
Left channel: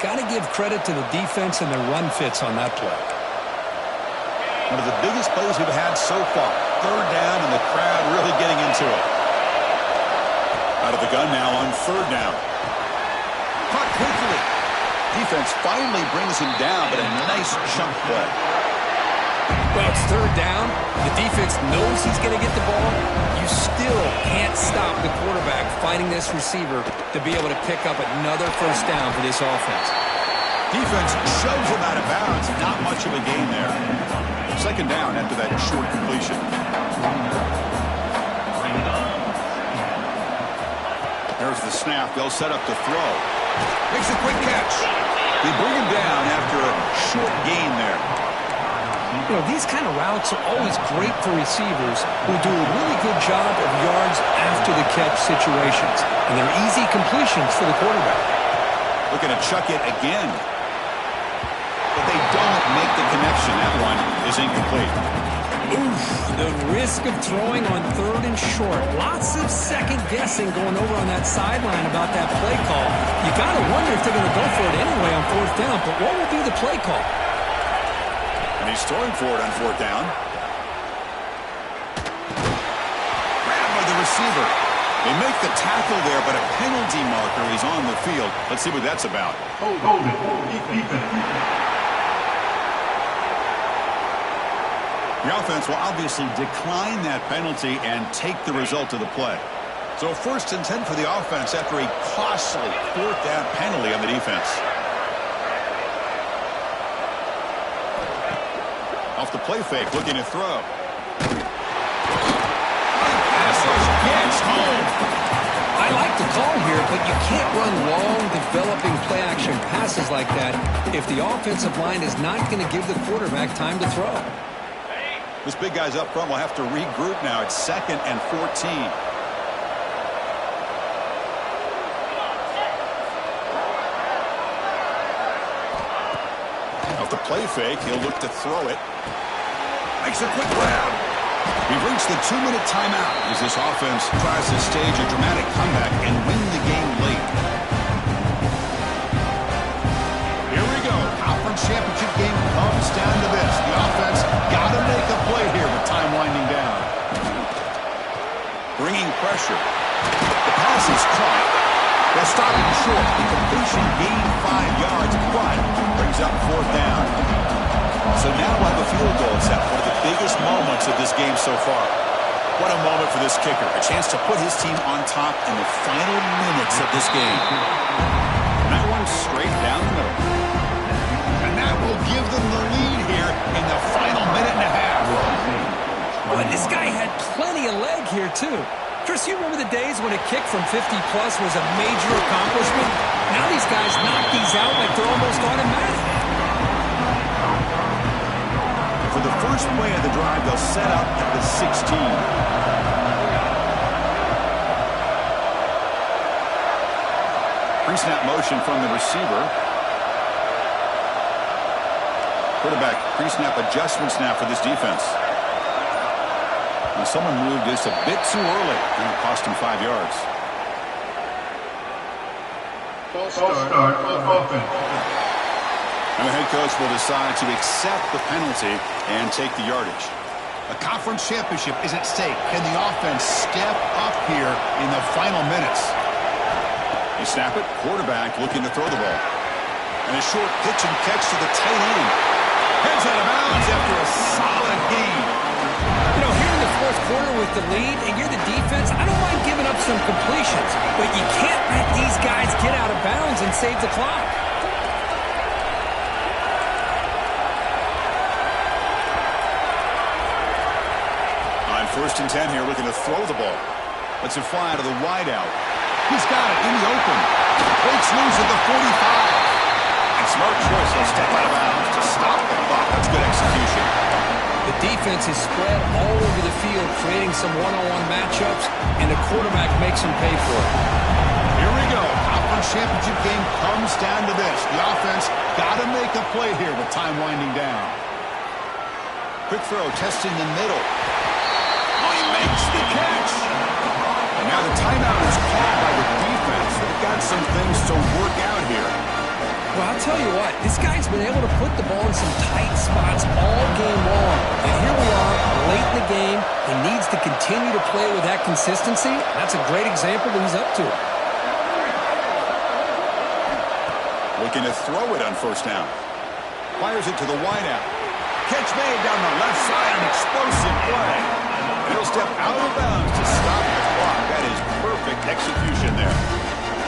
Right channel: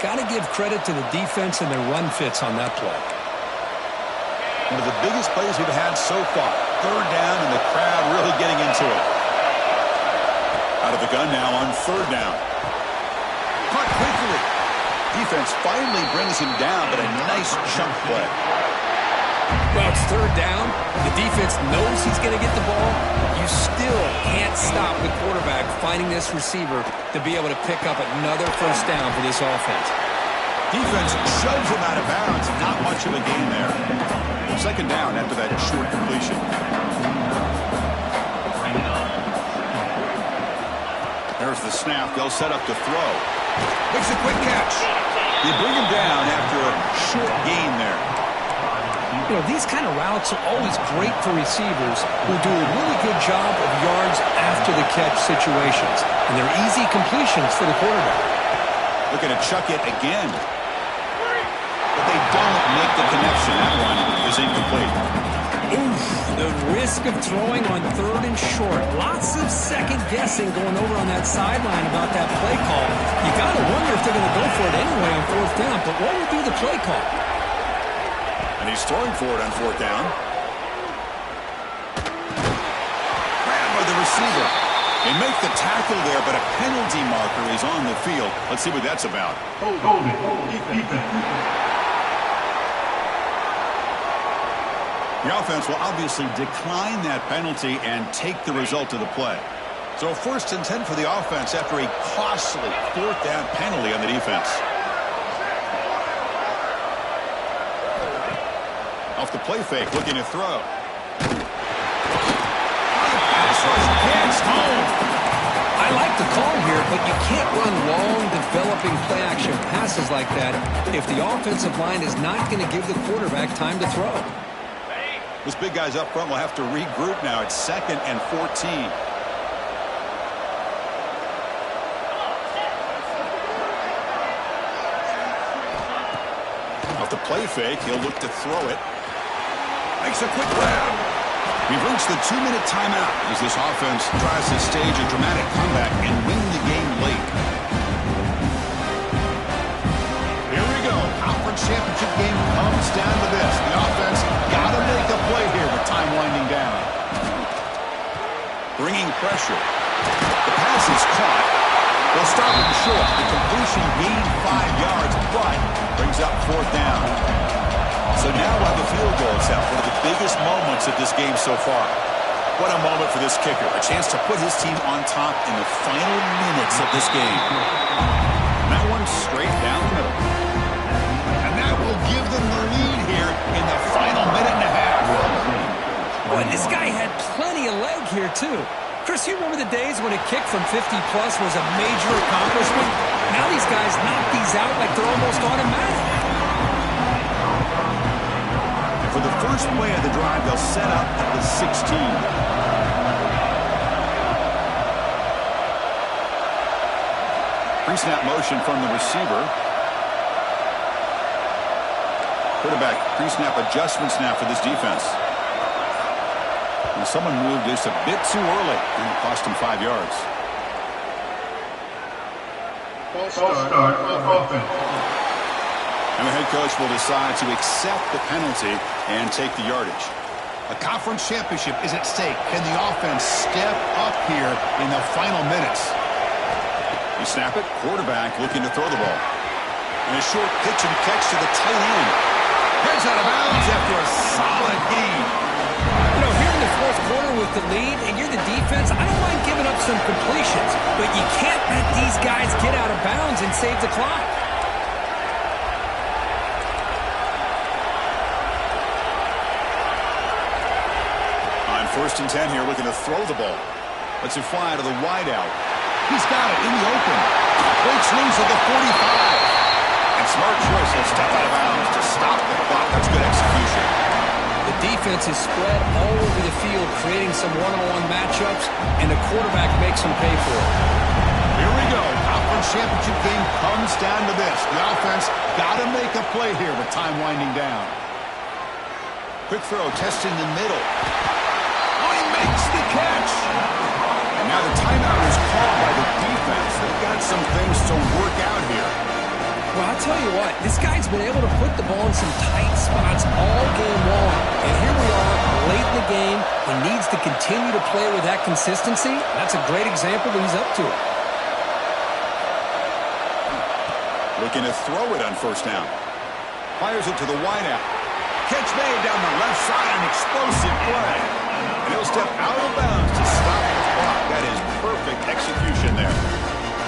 Got to give credit to the defense and their run fits on that play. One of the biggest plays we've had so far. Third down, and the crowd really getting into it. Out of the gun now on third down. Caught quickly. Defense finally brings him down, but a nice chunk play. Well, it's third down. The defense knows he's going to get the ball. You still can't stop the quarterback finding this receiver to be able to pick up another first down for this offense. Defense shoves him out of bounds. Not much of a gain there. Second down after that short completion. There's the snap. They'll set up to throw. Makes a quick catch. They bring him down after a short gain there. You know, these kind of routes are always great for receivers who do a really good job of yards after the catch situations. And they're easy completions for the quarterback. Looking to chuck it again. But they don't make the connection. That one is incomplete. Oof, the risk of throwing on 3rd and short. Lots of second guessing going over on that sideline about that play call. You got to wonder if they're going to go for it anyway on 4th down, but what will be the play call? And he's throwing for it on 4th down. Grabbed by the receiver. They make the tackle there, but a penalty marker is on the field. Let's see what that's about. Hold it. Defense. The offense will obviously decline that penalty and take the result of the play. So 1st and 10 for the offense after a costly 4th down penalty on the defense. Off the play fake, looking to throw. Pass rush gets home. I like the call here, but you can't run long, developing play-action passes like that if the offensive line is not going to give the quarterback time to throw. This big guy's up front will have to regroup now. It's 2nd and 14. Off the play fake, he'll look to throw it. Makes a quick grab. We've reached the 2-minute timeout as this offense tries to stage a dramatic comeback and win the game late. Here we go. Conference championship game comes down to this. The offense got to make a play here with time winding down. Bringing pressure. The pass is caught. They'll stop him short. The completion gained 5 yards, but brings up 4th down. So now we'll have a field goal attempt, one of the biggest moments of this game so far. What a moment for this kicker. A chance to put his team on top in the final minutes of this game. And that one straight down the middle. And that will give them the lead here in the final minute and a half. Boy, this guy had plenty of leg here, too. Chris, you remember the days when a kick from 50-plus was a major accomplishment? Now these guys knock these out like they're almost automatic. For the first play of the drive, they'll set up at the 16. Pre-snap motion from the receiver. Quarterback pre-snap adjustments now for this defense. And someone moved just a bit too early, and it cost him 5 yards. False start offense. And the head coach will decide to accept the penalty and take the yardage. A conference championship is at stake. Can the offense step up here in the final minutes? They snap it. Quarterback looking to throw the ball. And a short pitch and catch to the tight end. Heads out of bounds after a solid gain. You know, here in the 4th quarter with the lead, and you're the defense, I don't mind giving up some completions, but you can't let these guys get out of bounds and save the clock. On 1st and 10 here, looking to throw the ball. Lets it fly to the wideout. He's got it in the open. Breaks loose at the 45. And smart choice, he'll step out of bounds to stop the clock. That's good execution. The defense is spread all over the field, creating some one-on-one matchups, and the quarterback makes them pay for it. Here we go. Conference championship game comes down to this. The offense got to make a play here with time winding down. Quick throw, testing the middle. Oh, he makes the catch. And now the timeout is called by the defense. They've got some things to work out here. Well, I'll tell you what, this guy's been able to put the ball in some tight spots all game long. And here we are, late in the game. He needs to continue to play with that consistency. That's a great example that he's up to it. Looking to throw it on 1st down. Fires it to the wideout. Catch made down the left side, an explosive play. And he'll step out of bounds to stop the clock. That is perfect execution there.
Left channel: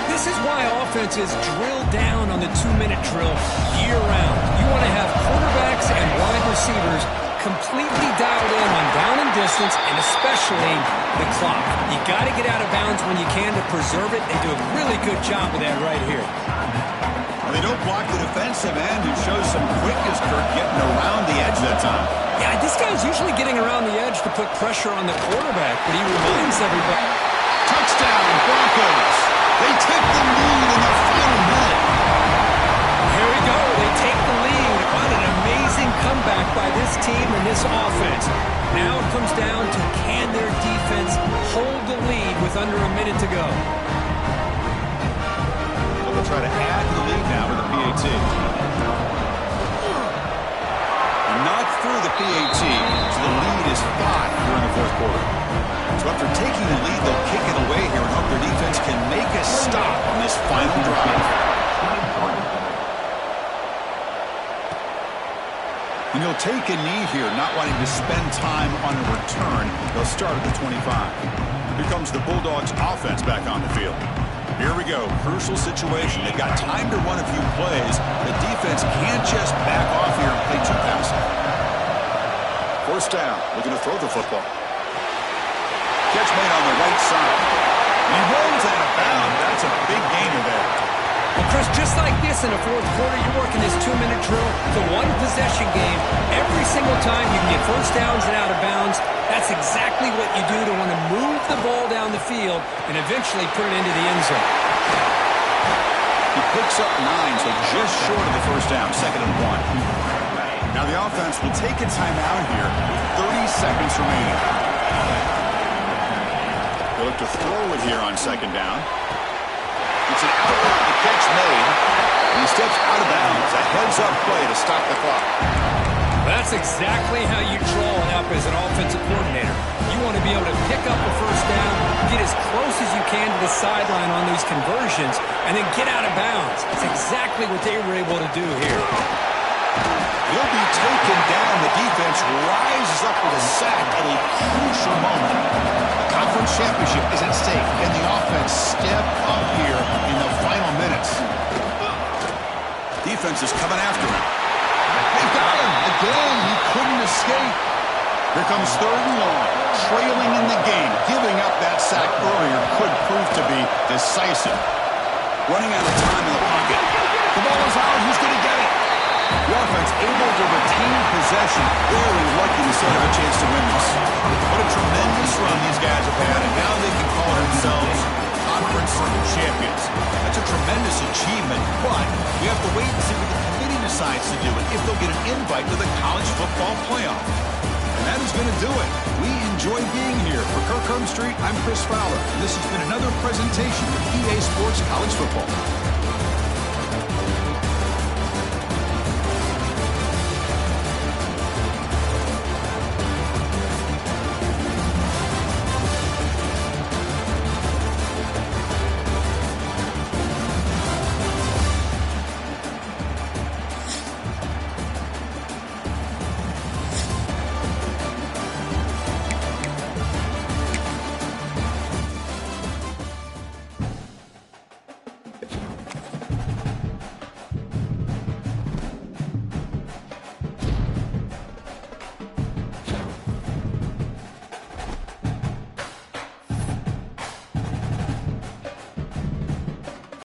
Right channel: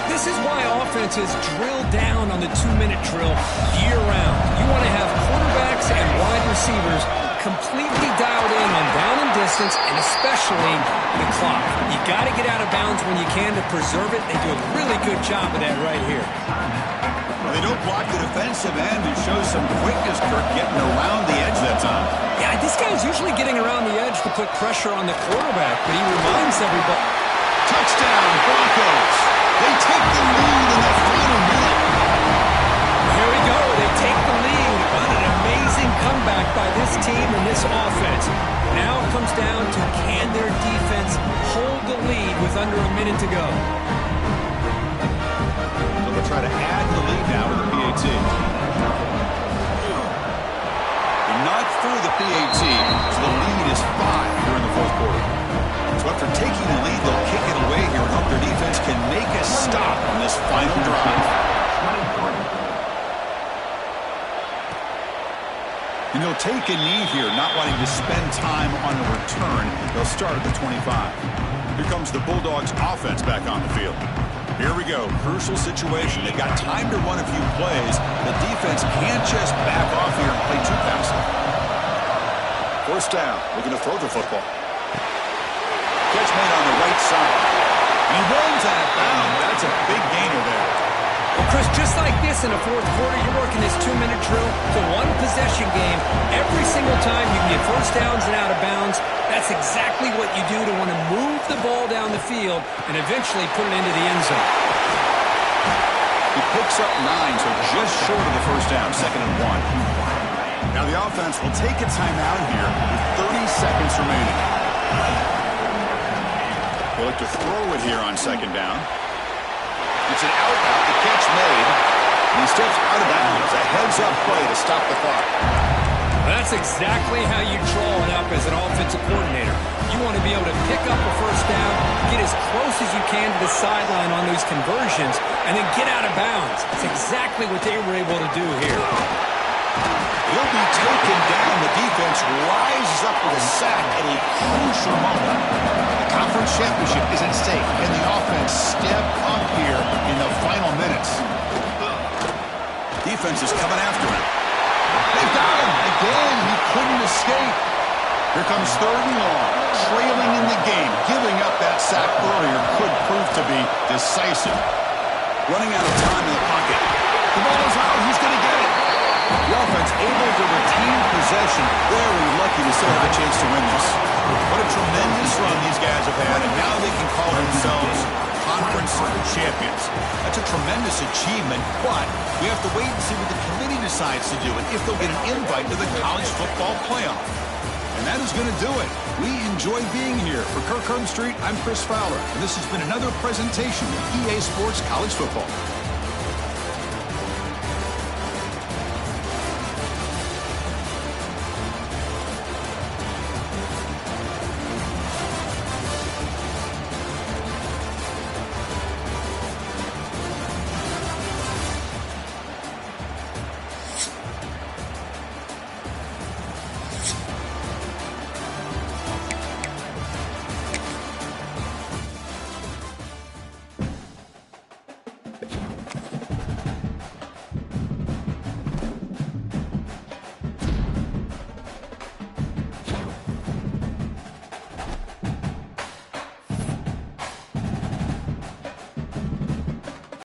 This is why offenses drill down on the 2-minute drill year-round. You want to have quarterbacks and wide receivers completely dialed in on down and distance, and especially the clock. You got to get out of bounds when you can to preserve it. They do a really good job of that right here. The They don't block the defensive end, who shows some quickness, Kirk, getting around the edge that time. Yeah, this guy's usually getting around the edge to put pressure on the quarterback, but he reminds everybody. Touchdown, Broncos. They take the lead in the final minute. Here we go. They take the lead. What an amazing comeback by this team and this offense. Now it comes down to, can their defense hold the lead with under a minute to go? So they'll try to add to the lead now with the PAT. They're not through the PAT, so the lead is 5 here in the fourth quarter. So after taking the lead, they'll kick it away here and hope their defense can make a stop on this final drive. And he'll take a knee here, not wanting to spend time on a return. They'll start at the 25. Here comes the Bulldogs offense back on the field. Here we go. Crucial situation. They've got time to run a few plays. The defense can't just back off here and play too passive. First down. Looking to throw the football. Catch made on the right side. And he runs out of bounds. That's a big gainer there. Well, Chris, just like this in the fourth quarter, you're working this 2-minute drill. It's a one-possession game. Every single time you can get first downs and out of bounds. That's exactly what you do to want to move the ball down the field and eventually put it into the end zone. He picks up 9, so just short of the first down, 2nd and 1. Now the offense will take a timeout here with 30 seconds remaining. They look to throw it here on 2nd down. It's an out route, the catch made, and he steps out of bounds. A heads-up play to stop the clock. That's exactly how you draw it up as an offensive coordinator. You want to be able to pick up a first down, get as close as you can to the sideline on those conversions, and then get out of bounds. That's exactly what they were able to do here. He'll be taken down. The defense rises up with a sack at a crucial moment. The conference championship is at stake. Can the offense step up here in the final minutes? Defense is coming after him. They've got him. Again, he couldn't escape. Here comes 3rd and long. Trailing in the game. Giving up that sack earlier could prove to be decisive. Running out of time in the pocket. The ball is out. Who's going to get it? The offense able to retain possession. Very lucky to still have a chance to win this. What a tremendous run these guys have had, and now they can call themselves conference champions. That's a tremendous achievement, but we have to wait and see what the committee decides to do and if they'll get an invite to the college football playoff. And that is going to do it. We enjoy being here. For Kirk Street, I'm Chris Fowler, and this has been another presentation of EA Sports College Football.